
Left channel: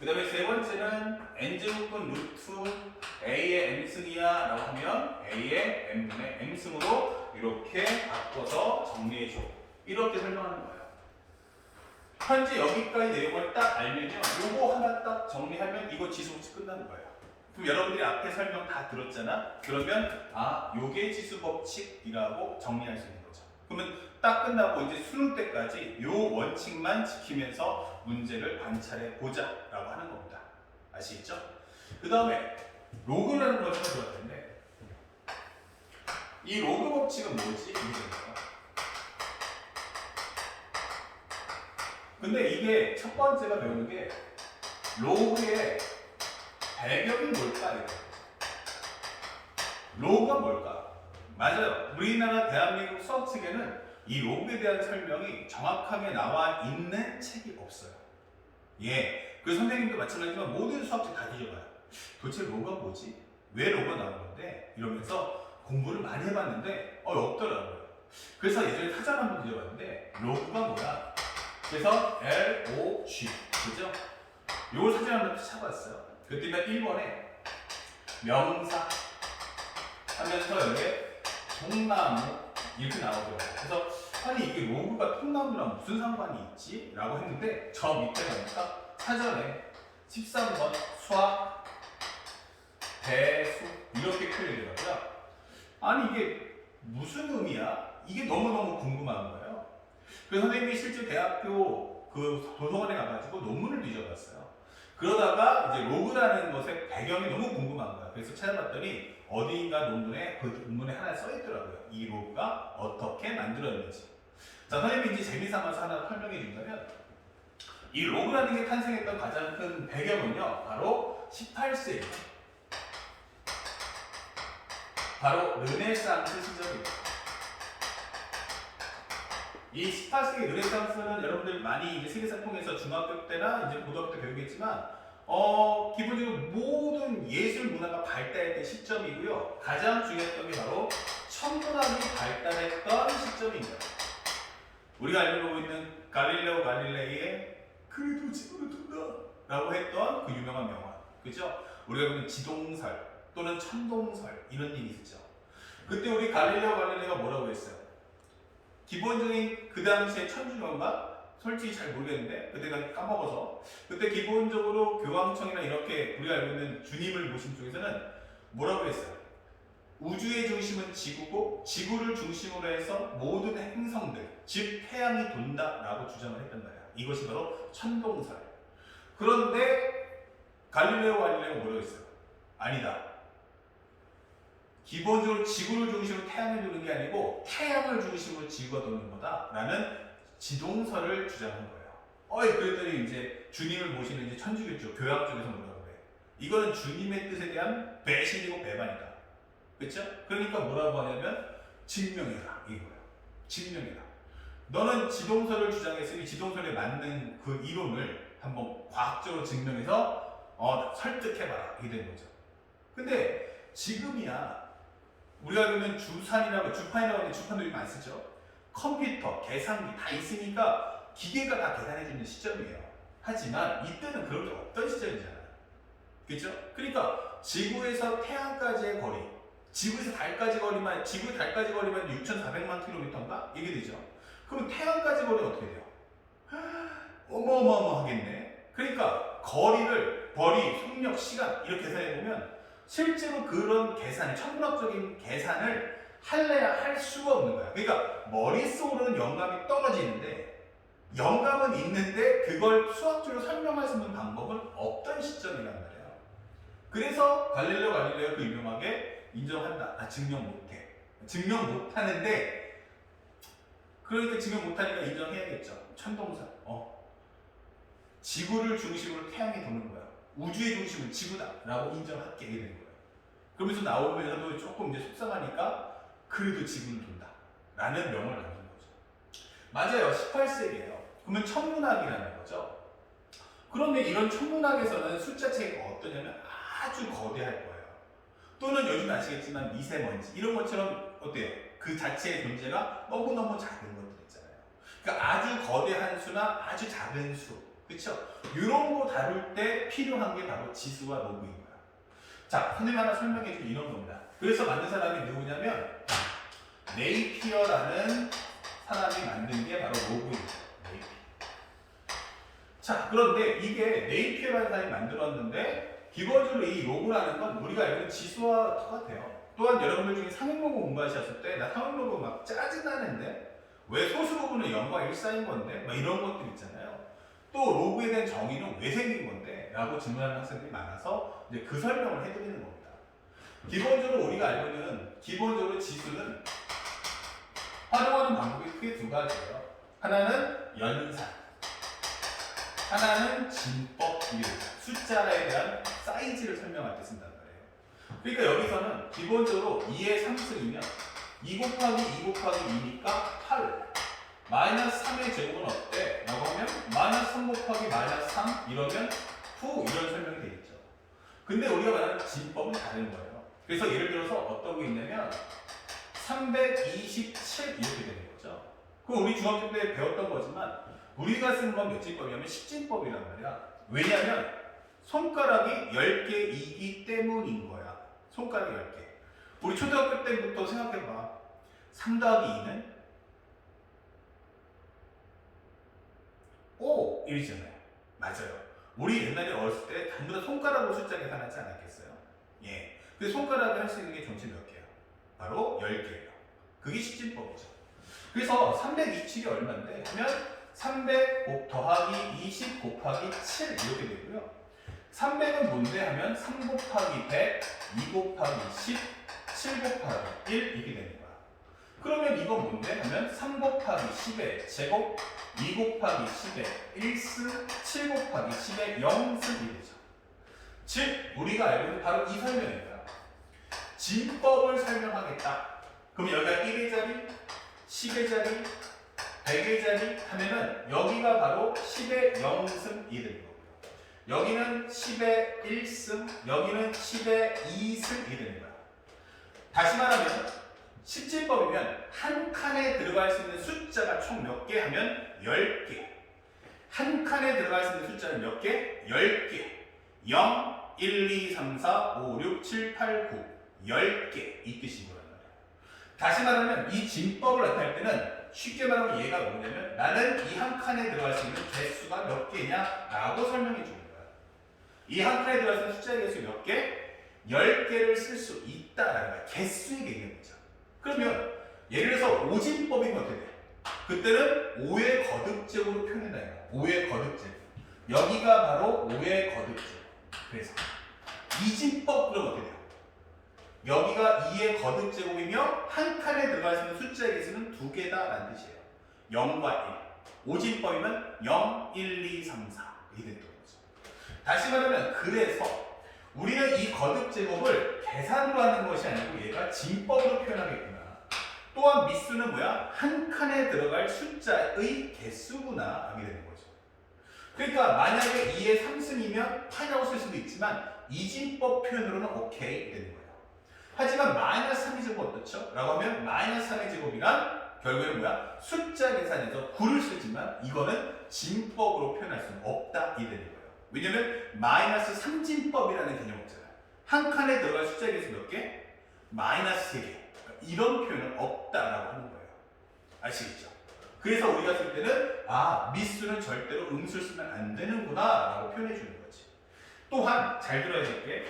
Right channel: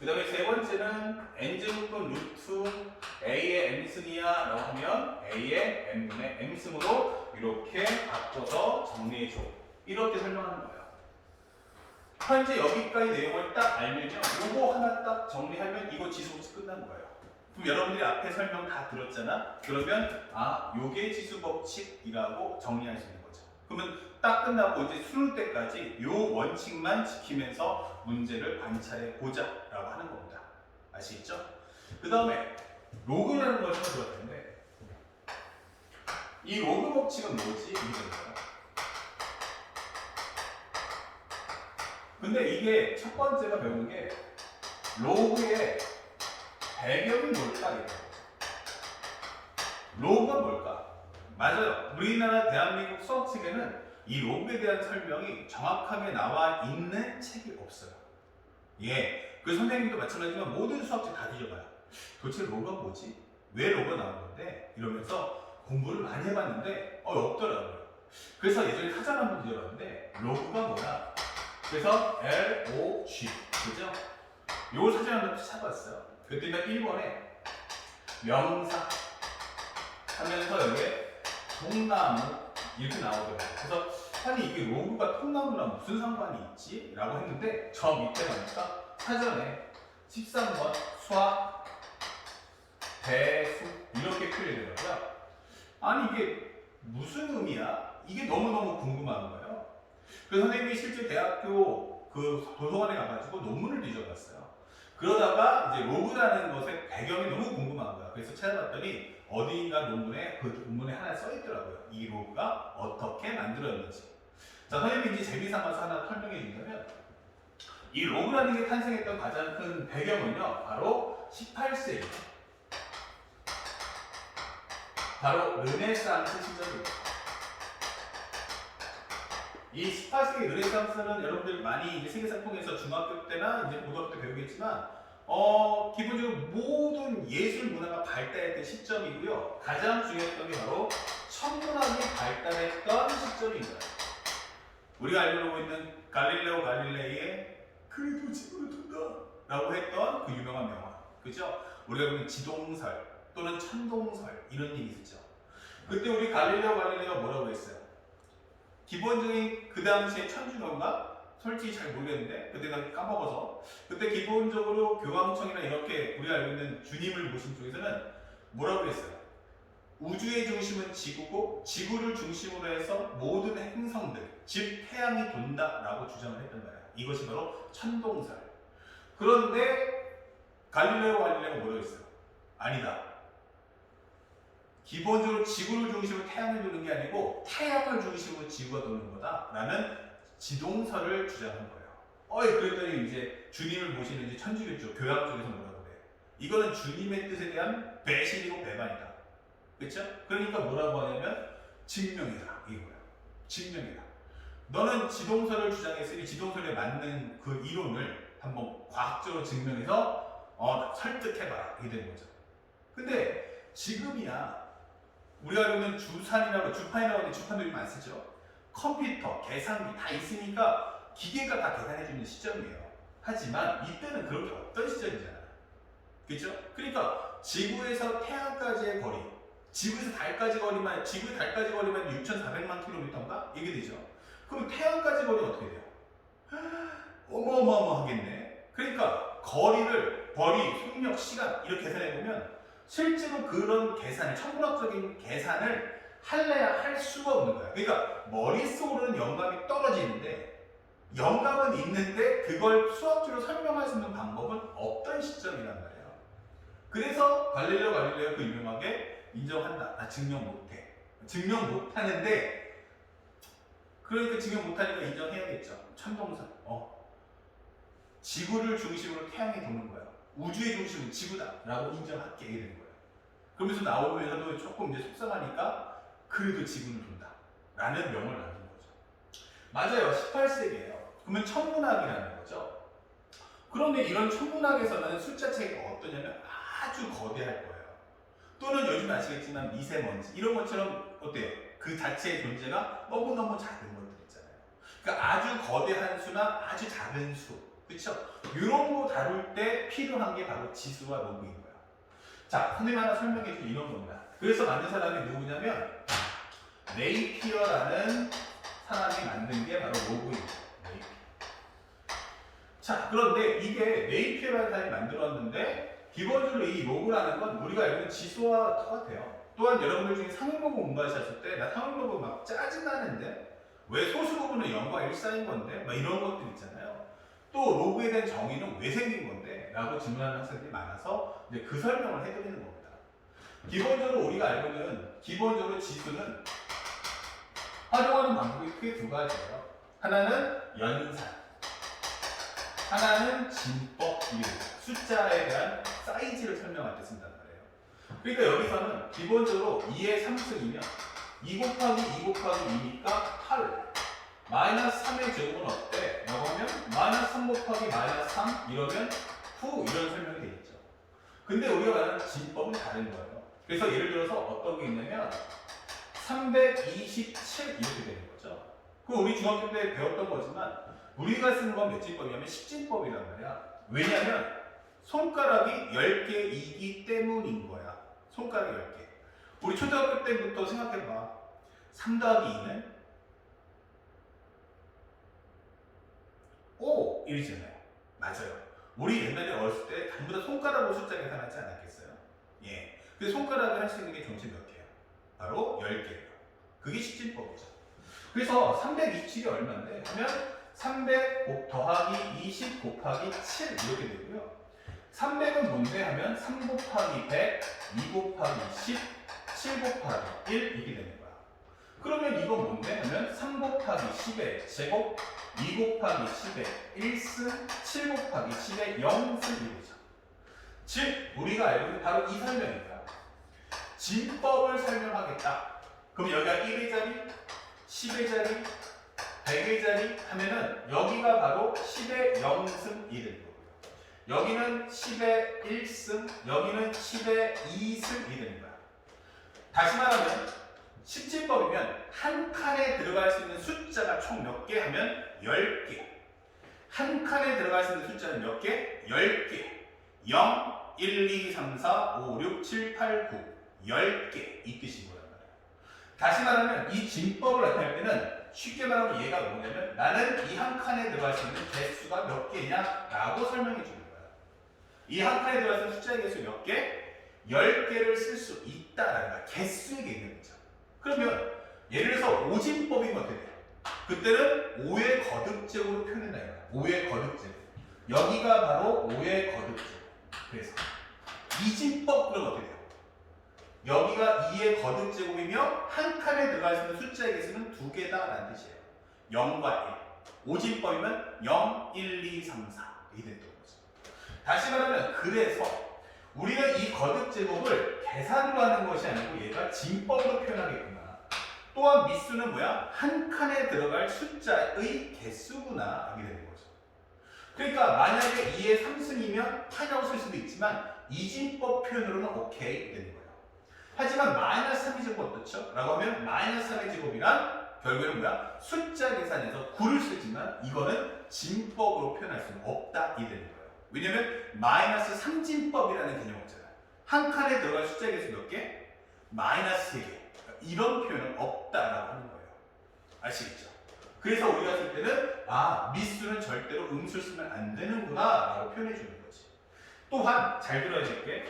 그 다음에 세 번째는 N제곱근 루트 A의 M승이야 라고 하면 A의 N분의 M승으로 이렇게 바꿔서 정리해줘. 이렇게 설명하는 거예요. 현재 여기까지 내용을 딱 알면요. 요거 하나 딱 정리하면 이거 지수법칙 끝나는 거예요. 그럼 여러분들이 앞에 설명 다 들었잖아? 그러면 요게 지수법칙이라고 정리할 수 있는 거죠. 그러면 딱 끝나고 이제 수능 때까지 요 원칙만 지키면서 문제를 관찰해 보자라고 하는 겁니다. 아시겠죠? 그 다음에 로그라는 걸 찾아줘야 되는데 이 로그 법칙은 뭐지? 이거예요. 근데 이게 첫 번째가 배우는 게 로그의 배경이 뭘까? 이거예요. 로그가 뭘까? 맞아요. 우리나라 대한민국 수학책에는 이 로그에 대한 설명이 정확하게 나와 있는 책이 없어요. 예. 그 선생님도 마찬가지지만 모든 수학책 다 뒤져봐요. 도대체 로그가 뭐지? 왜 로그가 나온 건데? 이러면서 공부를 많이 해봤는데 없더라고요. 그래서 예전에 사전 한번 뒤져봤는데 로그가 뭐야? 그래서 LOG 그죠? 요 사전 한번 찾아봤어요. 그때는 1번에 명사 하면서 여기에 통나무 이렇게 나오더라고요. 그래서 아니 이게 로그가 통나무랑 무슨 상관이 있지? 라고 했는데 저 밑에 보니까 사전에 13번 수학 대수 이렇게 표현되더라고요. 아니 이게 무슨 의미야? 이게 너무너무 궁금한 거예요. 그래서 선생님이 실제 대학교 그 도서관에 가가지고 논문을 뒤져봤어요. 그러다가 이제 로그라는 것의 배경이 너무 궁금한 거야. 그래서 찾아봤더니 어디인가 논문에 그 논문에 하나 써 있더라고요. 이 로그가 어떻게 만들어졌는지. 자, 선생님이 이제 재미삼아서 하나 설명해 준다면 이 로그라는 게 탄생했던 가장 큰 배경은요, 바로 18세기. 바로 르네상스 시절입니다. 이 18세기 르네상스는 여러분들 많이 이제 세계사 통해서 중학교 때나 이제 고등학교 때 배우겠지만, 기본적으로 모든 예술 문화가 발달했던 시점이고요. 가장 중요했던 게 바로 천문학이 발달했던 시점인 거예요. 우리가 알고 있는 갈릴레오 갈릴레이의 그래도 지구를 돈다 라고 했던 그 유명한 명언. 그죠? 우리가 보는 지동설 또는 천동설 이런 일이 있었죠. 그때 우리 갈릴레오 갈릴레이가 뭐라고 했어요? 기본적인 그 당시에 천주교인가? 솔직히 잘 모르겠는데 그때 난 까먹어서 그때 기본적으로 교황청이나 이렇게 우리가 알고 있는 주님을 모신 쪽에서는 뭐라고 했어요? 우주의 중심은 지구고 지구를 중심으로 해서 모든 행성들 즉 태양이 돈다라고 주장을 했단 말이야. 이것이 바로 천동설. 그런데 갈릴레오 갈릴레이가 뭐라고 했어요? 아니다. 기본적으로 지구를 중심으로 태양을 도는 게 아니고 태양을 중심으로 지구가 도는 거다라는 지동설을 주장한 거예요. 그랬더니 이제 주님을 모시는 이제 천주교 쪽, 교양 쪽에서 뭐라고 그래요? 이거는 주님의 뜻에 대한 배신이고 배반이다. 그렇죠? 그러니까 뭐라고 하냐면 증명해라 이거예요. 증명해라. 너는 지동설을 주장했으니 지동설에 맞는 그 이론을 한번 과학적으로 증명해서 설득해봐라 이게 된 거죠. 근데 지금이야 우리가 그러면 주판이라고 하는 주판들이 많이 쓰죠. 컴퓨터, 계산기 다 있으니까 기계가 다 계산해주는 시점이에요. 하지만 이때는 그런 게 없던 시점이잖아요. 그렇죠? 그러니까 지구에서 태양까지의 거리, 지구에서 달까지 거리만 6,400만 킬로미터인가? 이게 되죠. 그럼 태양까지 거리 어떻게 돼요? 어마어마하겠네. 그러니까 거리를 속력, 시간 이렇게 계산해보면 실제로 그런 천문학적인 계산을 할 수가 없는 거야. 그러니까 머릿속으로는 영감이 떨어지는데 영감은 있는데 그걸 수학적으로 설명할 수 있는 방법은 없던 시점이란 말이에요. 그래서 갈릴레오 갈릴레이가 그 유명하게 인정한다. 증명 못해. 증명 못하는데 그러니까 증명 못하니까 인정해야겠죠. 천동설. 지구를 중심으로 태양이 도는 거야. 우주의 중심은 지구다 라고 인정하게 되는 거예요. 그러면서 나오면서도 조금 이제 속상하니까 그래도 지구는 돈다 라는 명을 남긴 거죠. 맞아요. 18세기예요. 그러면 천문학이라는 거죠. 그런데 이런 천문학에서는 숫자 체계가 어떠냐면 아주 거대할 거예요. 또는 요즘 아시겠지만 미세먼지 이런 것처럼 어때요? 그 자체의 존재가 너무너무 작은 것들 있잖아요. 그러니까 아주 거대한 수나 아주 작은 수, 그렇죠? 이런 거 다룰 때 필요한 게 바로 지수와 로그인 거예요. 자, 선생님 하나 설명해 준 이런 겁니다. 그래서 만든 사람이 누구냐면 네이피어라는 사람이 만든 게 바로 로그입니다. 네이피어. 자, 그런데 이게 네이피어라는 사람이 만들었는데 기본적으로 이 로그라는 건 우리가 알고 있는 지수와 똑같아요. 또한 여러분들 중에 상용로그 공부하셨을 때 나 상용로그 막 짜증나는데 왜 소수 부분은 0과 1 사이인 건데 막 이런 것들 있잖아요. 또 로그에 대한 정의는 왜 생긴 건데 라고 질문하는 학생들이 많아서 이제 그 설명을 해드리는 겁니다. 기본적으로 우리가 알고 있는 기본적으로 지수는 활용하는 방법이 크게 두 가지예요. 하나는 연산, 하나는 진법입니다. 숫자에 대한 사이즈를 설명할 때 쓴단 말이에요. 그러니까 여기서는 기본적으로 2의 3승이면 2 곱하기 2 곱하기 2니까 8. 마이너스 3의 제곱은 어때? 라고 하면 마이너스 3 곱하기 마이너스 3 이러면 9 이런 설명이 되겠죠. 근데 우리가 말하는 진법은 다른 거예요. 그래서 예를 들어서 어떤 게 있냐면 327 이렇게 되는 거죠. 그럼 우리 중학교 때 배웠던 거지만 우리가 쓰는 건 몇 진법이냐면 10진법이란 말이야. 왜냐면 손가락이 10개이기 때문인 거야. 손가락이 10개. 우리 초등학교 때부터 생각해봐. 3 더하기 2는 5 이러잖아요. 맞아요. 우리 옛날에 어렸을 때 전부 다 손가락으로 숫자 계산하지 않았겠어요? 예. 그 손가락이 할 수 있는 게 전체 몇 개야? 바로 10개예요. 그게 10진법이죠. 그래서 327이 얼마인데? 하면 300 더하기 20 곱하기 7 이렇게 되고요. 300은 뭔데 하면 3 곱하기 100, 2 곱하기 10, 7 곱하기 1 이렇게 되는 거야. 그러면 이건 뭔데 하면 3 곱하기 10의 제곱, 2 곱하기 10의 1승, 7 곱하기 10의 0승이 되죠. 즉 우리가 알고 있는 바로 이 설명입니다. 진법을 설명하겠다. 그럼 여기가 1의 자리, 10의 자리, 100의 자리 하면은 여기가 바로 10의 0승이 되는 거고요. 여기는 10의 1승, 여기는 10의 2승이 되는 거야. 다시 말하면 10진법이면 한 칸에 들어갈 수 있는 숫자가 총 몇 개 하면 10개. 한 칸에 들어갈 수 있는 숫자는 몇 개? 10개. 0, 1, 2, 3, 4, 5, 6, 7, 8, 9. 10개 이 뜻인 거란 말이야. 다시 말하면 이 진법을 나타낼 때는 쉽게 말하면 얘가 뭐냐면 나는 이 한 칸에 들어갈 수 있는 개수가 몇 개냐 라고 설명해 주는 거야. 이 한 칸에 들어갈 수 있는 숫자의 개수 몇 개? 10개를 쓸 수 있다라는 거야. 개수의 개념이죠. 그러면 예를 들어서 5진법이면 어떻게 돼? 그때는 5의 거듭제곱으로 표현한다 이거야. 5의 거듭제곱. 여기가 바로 5의 거듭제곱. 그래서 2진법 그러면 어떻게 돼요? 여기가 2의 거듭제곱이며 한 칸에 들어갈 수 있는 숫자의 개수는 2개다라는 뜻이에요. 0과 1. 5진법이면 0, 1, 2, 3, 4 이렇게 됐던 거죠. 다시 말하면 그래서 우리는 이 거듭제곱을 계산으로 하는 것이 아니고 얘가 진법으로 표현하겠구나. 또한 미수는 뭐야? 한 칸에 들어갈 숫자의 개수구나 하게 되는 거죠. 그러니까 만약에 2의 3승이면 8이라고 쓸 수도 있지만 이진법 표현으로는 오케이 되는 거예요. 하지만 마이너스 3의 제곱 어떻죠? 라고 하면 마이너스 3의 제곱이란 결국에는 뭐야? 숫자 계산에서 9를 쓰지만 이거는 진법으로 표현할 수는 없다 이 되는 거예요. 왜냐면 마이너스 3진법이라는 개념 없잖아요. 한 칸에 들어갈 숫자 개수 몇 개? 마이너스 3개. 이런 표현은 없다라고 하는 거예요. 아시겠죠? 그래서 우리가 쓸 때는 미수는 절대로 음수를 쓰면 안 되는구나 라고 표현해 주는 거지. 또한 잘 들어야 될 게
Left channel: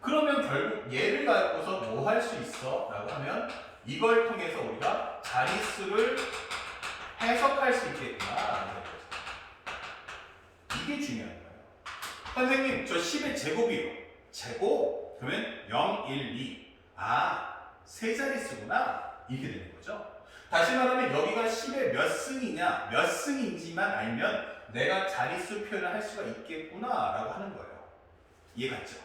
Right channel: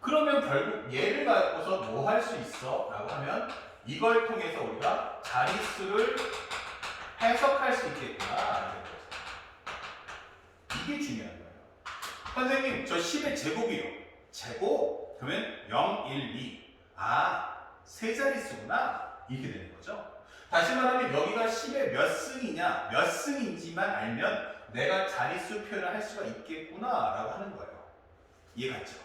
그러면 결국 얘를 갖고서 뭐 할 수 있어? 라고 하면 이걸 통해서 우리가 자릿수를 해석할 수 있겠구나. 이게 중요한 거예요. 선생님, 저 10의 제곱이요. 제곱? 그러면 0, 1, 2. 세 자릿수구나. 이렇게 되는 거죠. 다시 말하면 여기가 10의 몇 승이냐, 몇 승인지만 알면 내가 자릿수 표현을 할 수가 있겠구나. 라고 하는 거예요. 이해갔죠?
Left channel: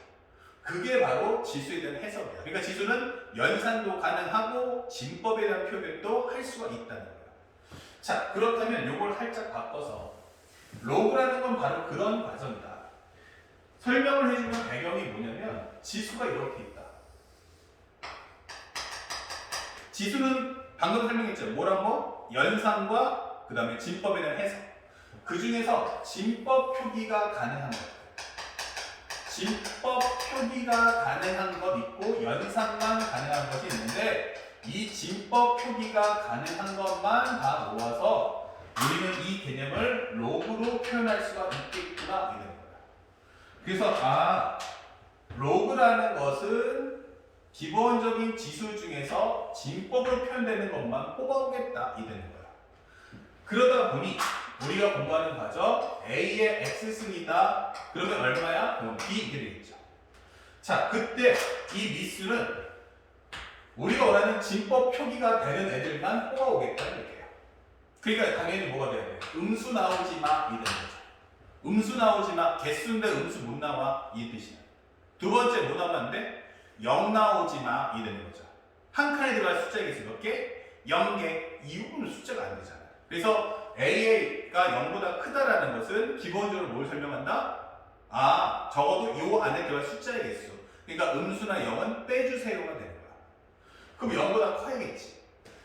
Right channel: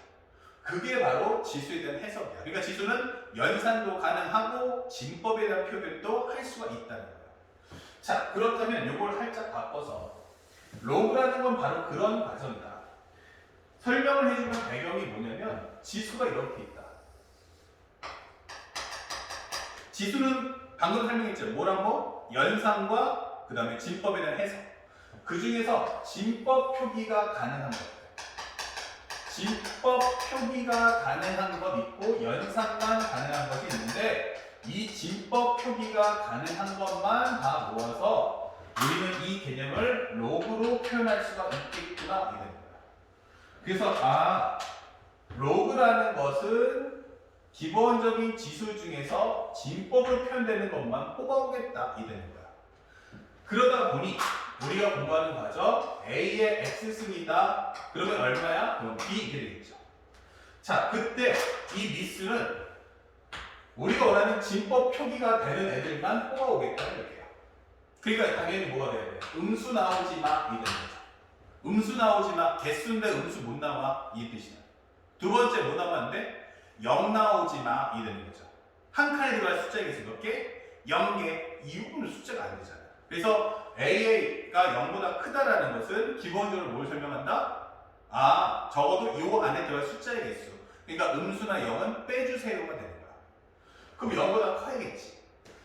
그게 바로 지수에 대한 해석이야. 그러니까 지수는 연산도 가능하고 진법에 대한 표현도 할 수가 있다는 거예요. 자, 그렇다면 이걸 살짝 바꿔서 로그라는 건 바로 그런 과정이다. 설명을 해주면 배경이 뭐냐면 지수가 이렇게 있다. 지수는 방금 설명했죠. 뭐라고? 연산과 그 다음에 진법에 대한 해석. 그 중에서 진법 표기가 가능한 것. 진법 표기가 가능한 것 있고 연산만 가능한 것이 있는데 이 진법 표기가 가능한 것만 다 모아서 우리는 이 개념을 로그로 표현할 수가 있겠구나 이런 거야. 그래서 로그라는 것은 기본적인 지수 중에서 진법으로 표현되는 것만 뽑아오겠다 이 되는 거야. 그러다 보니 우리가 공부하는 과정 A의 X승이다. 그러면 얼마야? 그럼 B 이렇게 되겠죠. 자, 그때 이 미수는 우리가 원하는 진법 표기가 되는 애들만 뽑아오겠다는 얘기예요. 그러니까 당연히 뭐가 돼야 돼? 음수 나오지 마 이 되는 거죠. 음수 나오지 마. 개수인데 음수 못 나와 이 뜻이야. 두 번째 뭐 나왔는데 0 나오지 마 이 되는 거죠. 한 칸에 들어갈 숫자의 개수 몇 개? 0개. 이 부분은 숫자가 안 되잖아요. 그래서 AA가 0보다 크다라는 것은 기본적으로 뭘 설명한다? 적어도 이 안에 들어갈 숫자의 개수. 그러니까 음수나 0은 빼주세요가 되는 거야. 그럼 0보다 커야겠지.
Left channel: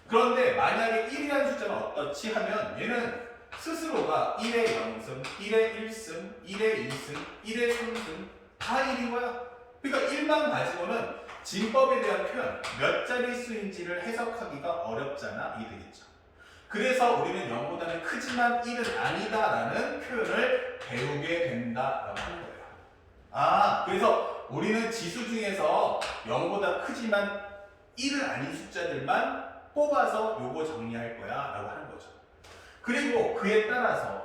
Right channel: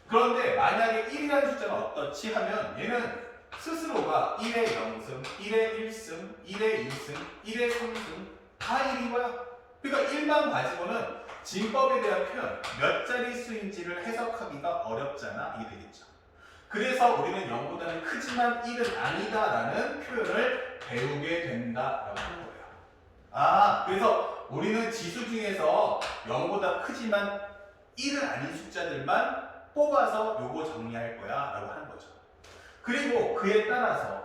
그런데 만약에 1이라는 숫자는 어떻지 하면 얘는 스스로가 1의 0승, 1의 1승, 1의 2승, 1의 3승 다 1인 거야. 그러니까 1만 가지고는 진법에 대한 표현, 몇 자리 수인지를 해석하기가 어렵잖아. 이 되겠죠. 그래서 우리는 0보다는 크지만 1은 아니다라는 표현을 배우게 된다라고 하는 거예요. 그래서 우리는 지수 중에서 0보다 크지만 1은 아닌 숫자들만 뽑아서 요거 정리할 거야 라고 하는 거죠. 그리고 그에 따라서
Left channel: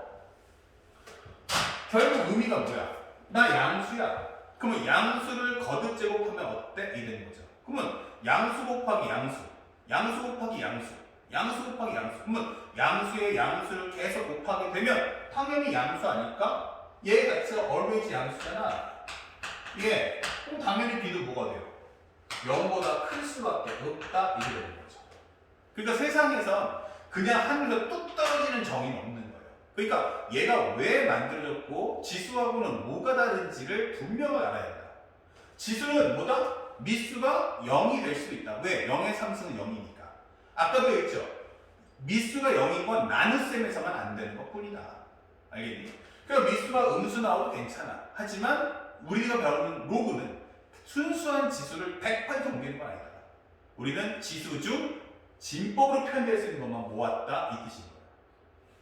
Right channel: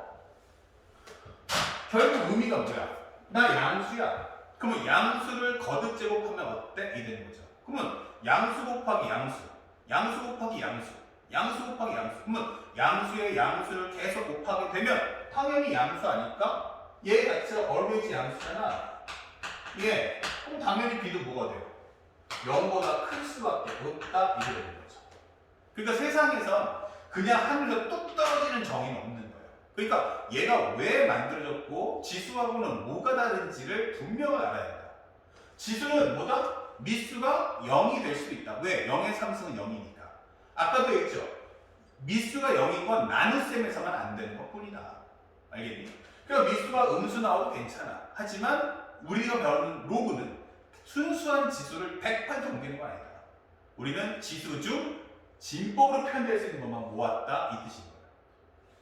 결국 의미가 뭐야? 나 양수야. 그러면 양수를 거듭 제곱하면 어때? 이 되는 거죠. 그러면 양수 곱하기 양수, 양수 곱하기 양수, 양수 곱하기 양수. 그러면 양수의 양수를 계속 곱하게 되면 당연히 양수 아닐까? 얘 자체가 얼마지 양수잖아. 예, 그럼 당연히 B도 뭐가 돼요? 0보다 클 수밖에 없다 이게 되는 거죠. 그러니까 세상에선 그냥 하늘에서 뚝 떨어지는 정의는 없는 거예요. 그러니까 얘가 왜 만들어졌고 지수하고는 뭐가 다른지를 분명히 알아야 된다. 지수는 뭐다? 미수가 0이 될 수 있다. 왜? 0의 3승은 0이니까. 아까도 얘기했죠. 미수가 0인 건 나눗셈에서만 안 되는 것 뿐이다. 알겠니? 그러니까 미수가 음수 나와도 괜찮아. 하지만 우리가 배우는 로그는 순수한 지수를 100% 옮기는 건 아니다. 우리는 지수 중 진법으로 표현될 수 있는 것만 모았다 이 뜻인 거예요.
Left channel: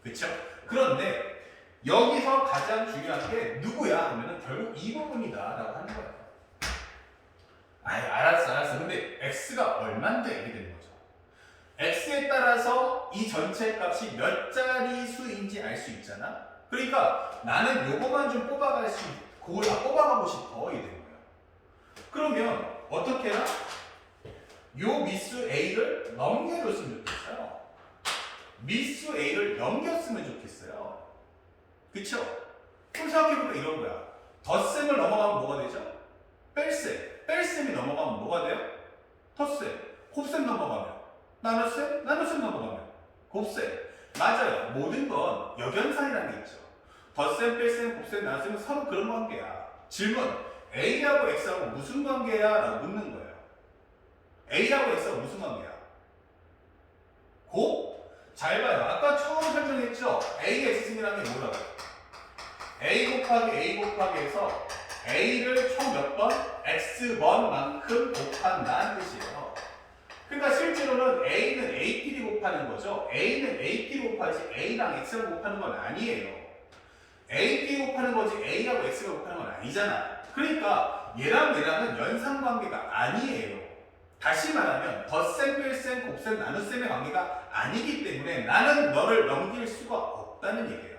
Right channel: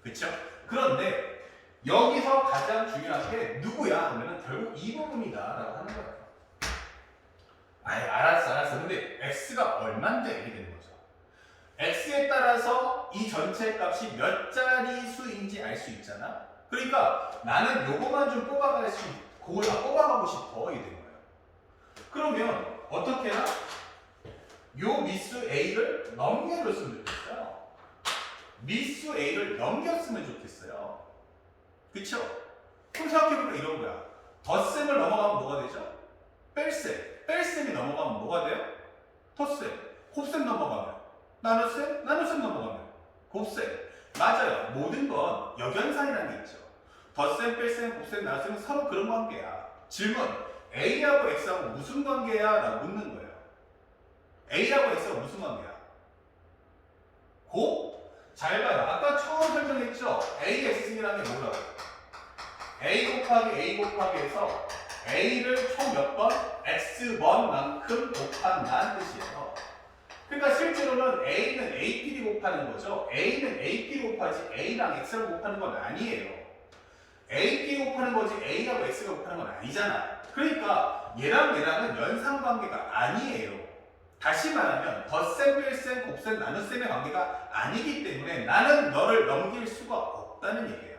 그렇죠? 그런데 여기서 가장 중요한 게 누구야 하면은 결국 이 부분이다라고 하는 거예요. 알았어. 근데 x가 얼만데 이렇게 되는 거죠. x에 따라서 이 전체 값이 몇 자리 수인지 알 수 있잖아. 그러니까 나는 요거만 좀 그걸 다 뽑아가고 싶어 이게 되는 거예요. 그러면 어떻게 해야? 요 미수 A를 넘겨줬으면 좋겠어요. 미수 A를 넘겼으면 좋겠어요. 그쵸? 그럼 생각해보면 이런 거야. 덧셈을 넘어가면 뭐가 되죠? 뺄셈. 뺄셈이 넘어가면 뭐가 돼요? 덧셈. 곱셈 넘어가면 나눗셈. 나눗셈 넘어가면 곱셈. 맞아요. 모든 건 역연산이라는 게 있죠. 덧셈, 뺄셈, 곱셈, 나눗셈은 서로 그런 관계야. 질문. A하고 X하고 무슨 관계야? 라고 묻는 거예요. A하고 X가 무슨 관계야? 잘 봐요. 아까 처음 설명했죠? A, X승이라는 게 뭐라고? A 곱하기 A 곱하기 해서 A를 총 몇 번? X번만큼 곱한다는 뜻이에요. 그러니까 실제로는 A는 A끼리 곱하는 거죠. A는 A끼리 곱하지 A랑 X랑 곱하는 건 아니에요. A끼리 곱하는 거지 A하고 X가 곱하는 건 아니잖아. 그러니까 얘랑은 연상관계가 아니에요. 다시 말하면 덧셈, 뺄셈, 곱셈, 나눗셈의 관계가 아니기 때문에 나는 너를 넘길 수가 없다는 얘기예요.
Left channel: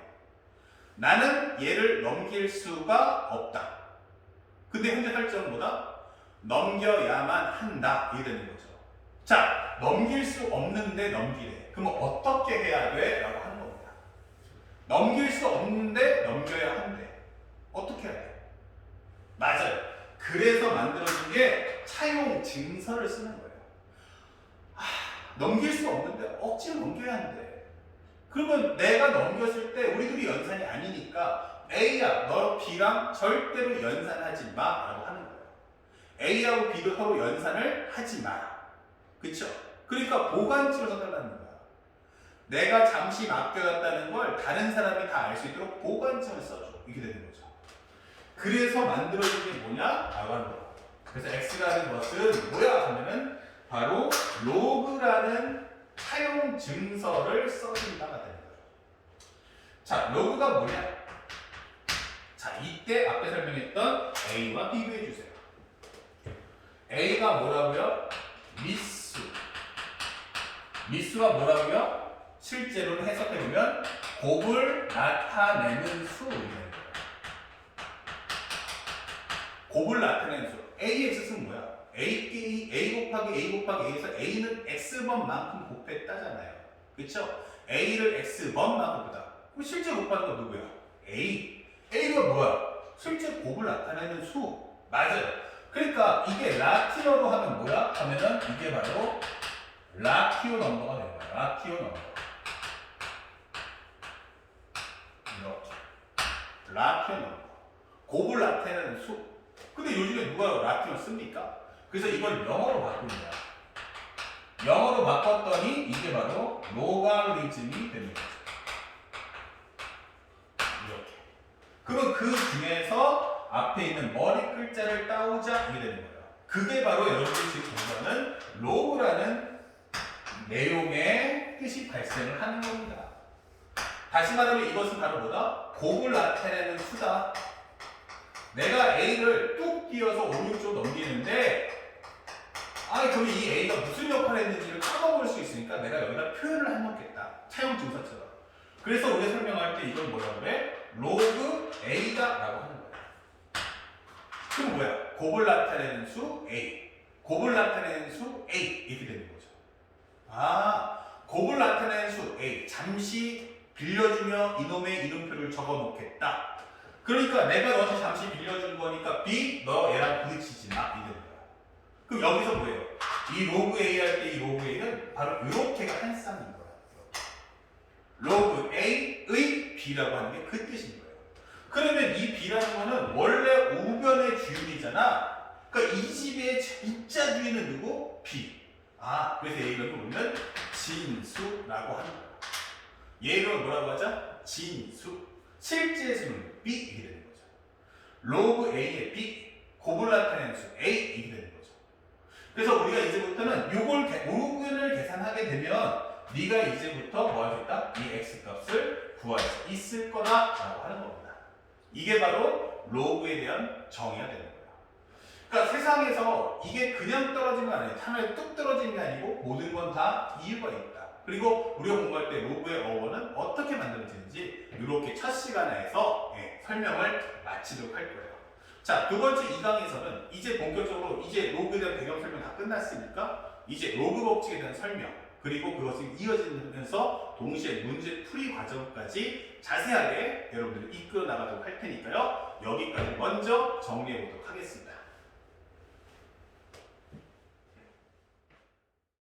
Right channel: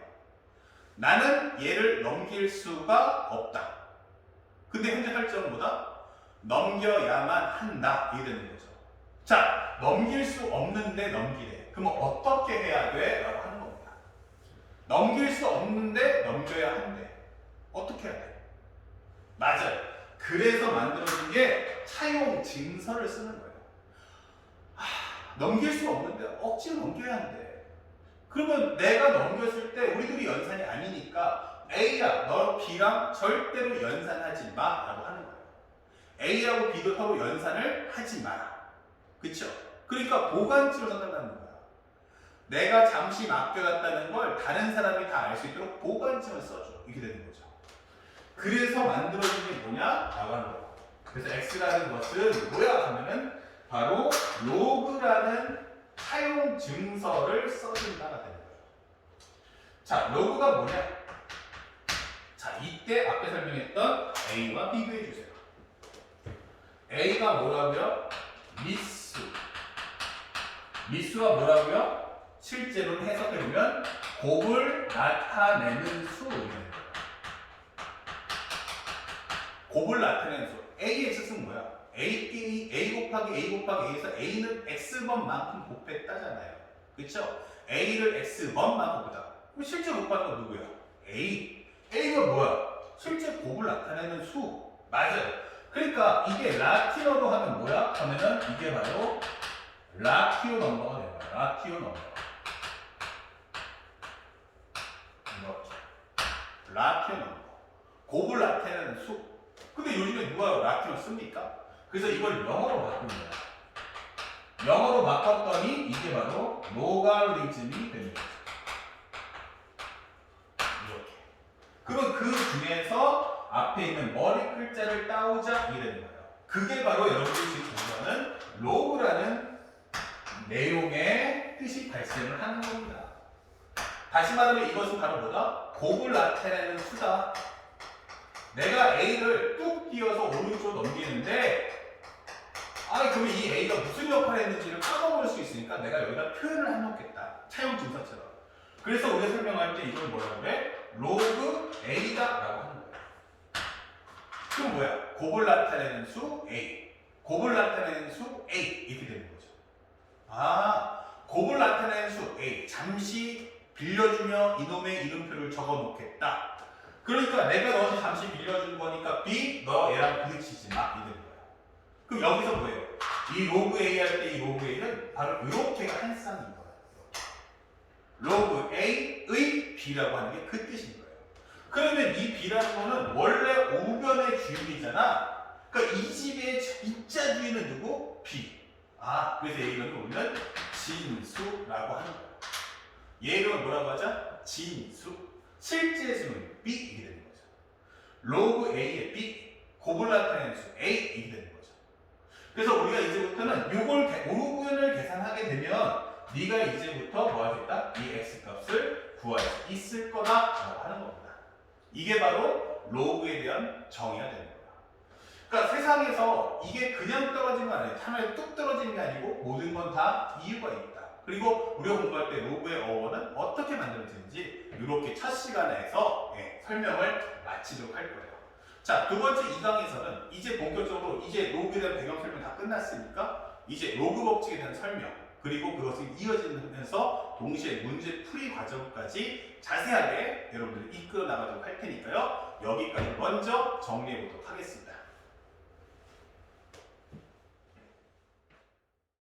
나는 얘를 넘길 수가 없다. 근데 현재 설정은 뭐다? 넘겨야만 한다. 이게 되는 거죠. 자, 넘길 수 없는데 넘기래. 그러면 어떻게 해야 돼? 라고 하는 겁니다. 넘길 수 없는데 넘겨야 한대. 어떻게 해야 돼? 맞아요. 그래서 만들어진 게 차용 증서를 쓰는 거예요. 넘길 수 없는데 억지로 넘겨야 한대. 그러면 내가 넘겼을 때 우리들이 연산이 아니니까 A야, 너 B랑 절대로 연산하지 마 라고 하는 거예요. A하고 B도 서로 연산을 하지 마라. 그쵸? 그러니까 보관치로 써달라는 거야. 내가 잠시 맡겨놨다는 걸 다른 사람이 다 알 수 있도록 보관치를 써줘. 이렇게 되는 거죠. 그래서 만들어진 게 뭐냐? 나가는 거예요. 그래서 X라는 것은 뭐야? 하면은 바로 로그라는 차용 증서를 써준다가 되는 거예요. 자, 로그가 뭐냐? 자, 이때 앞에 설명했던 A와 비교해 주세요. A가 뭐라고요? 미수. 미수가 뭐라고요? 실제로는 해석해보면 곱을 나타내는 수. 곱을 나타내는 수. A의 x는 뭐야? A 곱하기 A 곱하기 A에서 A는 X번만큼 곱했다잖아요. 그쵸? A를 X번만큼 곱하다. 그럼 실제 곱하는 건 누구야? A. A가 뭐야? 실제 곱을 나타내는 수. 맞아요. 그러니까 이게 라티어로 하면 뭐야? 하면은 이게 바로 라티오 넘버가 되는 거야. 라티오 넘버. 이렇게. 라티오 넘버. 곱을 나타내는 수. 근데 요즘에 누가 라티오 씁니까? 그래서 이걸 영어로 바꾼 거야. 영어로 바꿨더니 이게 바로 로가리즘이 되는 거죠. 이렇게. 그러면 그 중에서 앞에 있는 머리 글자를 따오자 이게 되는 거예요. 그게 바로 여러분들이 지금 공부하는 로그라는 내용의 뜻이 발생을 하는 겁니다. 다시 말하면 이것은 바로 뭐다? 곱을 나타내는 수다. 내가 A를 뚝 띄어서 오른쪽 넘기는데 그럼 이 A가 무슨 역할을 했는지를 까먹을 수 있으니까 내가 여기다 표현을 해놓겠다. 차용 증서처럼. 그래서 우리가 설명할 때 이걸 뭐라고 그래? 로그 A다 라고 하는 거야. 그럼 뭐야? 곱을 나타내는 수 A. 곱을 나타내는 수 A. 이렇게 되는 거죠. 곱을 나타내는 수 A. 잠시 빌려주며 이놈의 이름표를 적어 놓겠다. 그러니까 내가 너한테 잠시 빌려준 거니까 B, 너 얘랑 부딪히지 마. 이게 되는 거야. 그럼 여기서 뭐예요? 이 로그 A 할 때 이 로그 A는 바로 이렇게가 한 쌍인 거야. 로그 A의 B라고 하는 게 그 뜻인 거예요. 그러면 이 B라는 거는 원래 우변의 주인이잖아. 그러니까 이 집의 입자 주인은 누구? B. 그래서 얘 이걸 보면 진수라고 하는 거야. 얘 이름은 뭐라고 하자? 진수. 실제 수는 B 이게 되는 거죠. 로그 A의 B, 곱을 나타내는 수 A 이게 되는 거죠. 그래서 우리가 이제부터는 요걸 우변을 계산하게 되면 네가 이제부터 뭐 할 수 있다? 이 x 값을 구할 수 있을 거다라고 하는 겁니다. 이게 바로 로그에 대한 정의가 되는 거예요. 그러니까 세상에서 이게 그냥 떨어진 거 아니에요. 하나에 뚝 떨어진 게 아니고 모든 건 다 이유가 있다. 그리고 우리가 공부할 때 로그의 어원은 어떻게 만들어지는지 이렇게 첫 시간에서 설명을 마치도록 할 거예요. 자, 두 번째 이 강에서는 이제 본격적으로 이제 로그에 대한 배경 설명 다 끝났으니까 이제 로그 법칙에 대한 설명 그리고 그것이 이어지면서 동시에 문제 풀이 과정까지 자세하게 여러분들 이끌어 나가도록 할 테니까요. 여기까지 먼저 정리해 보도록 하겠습니다.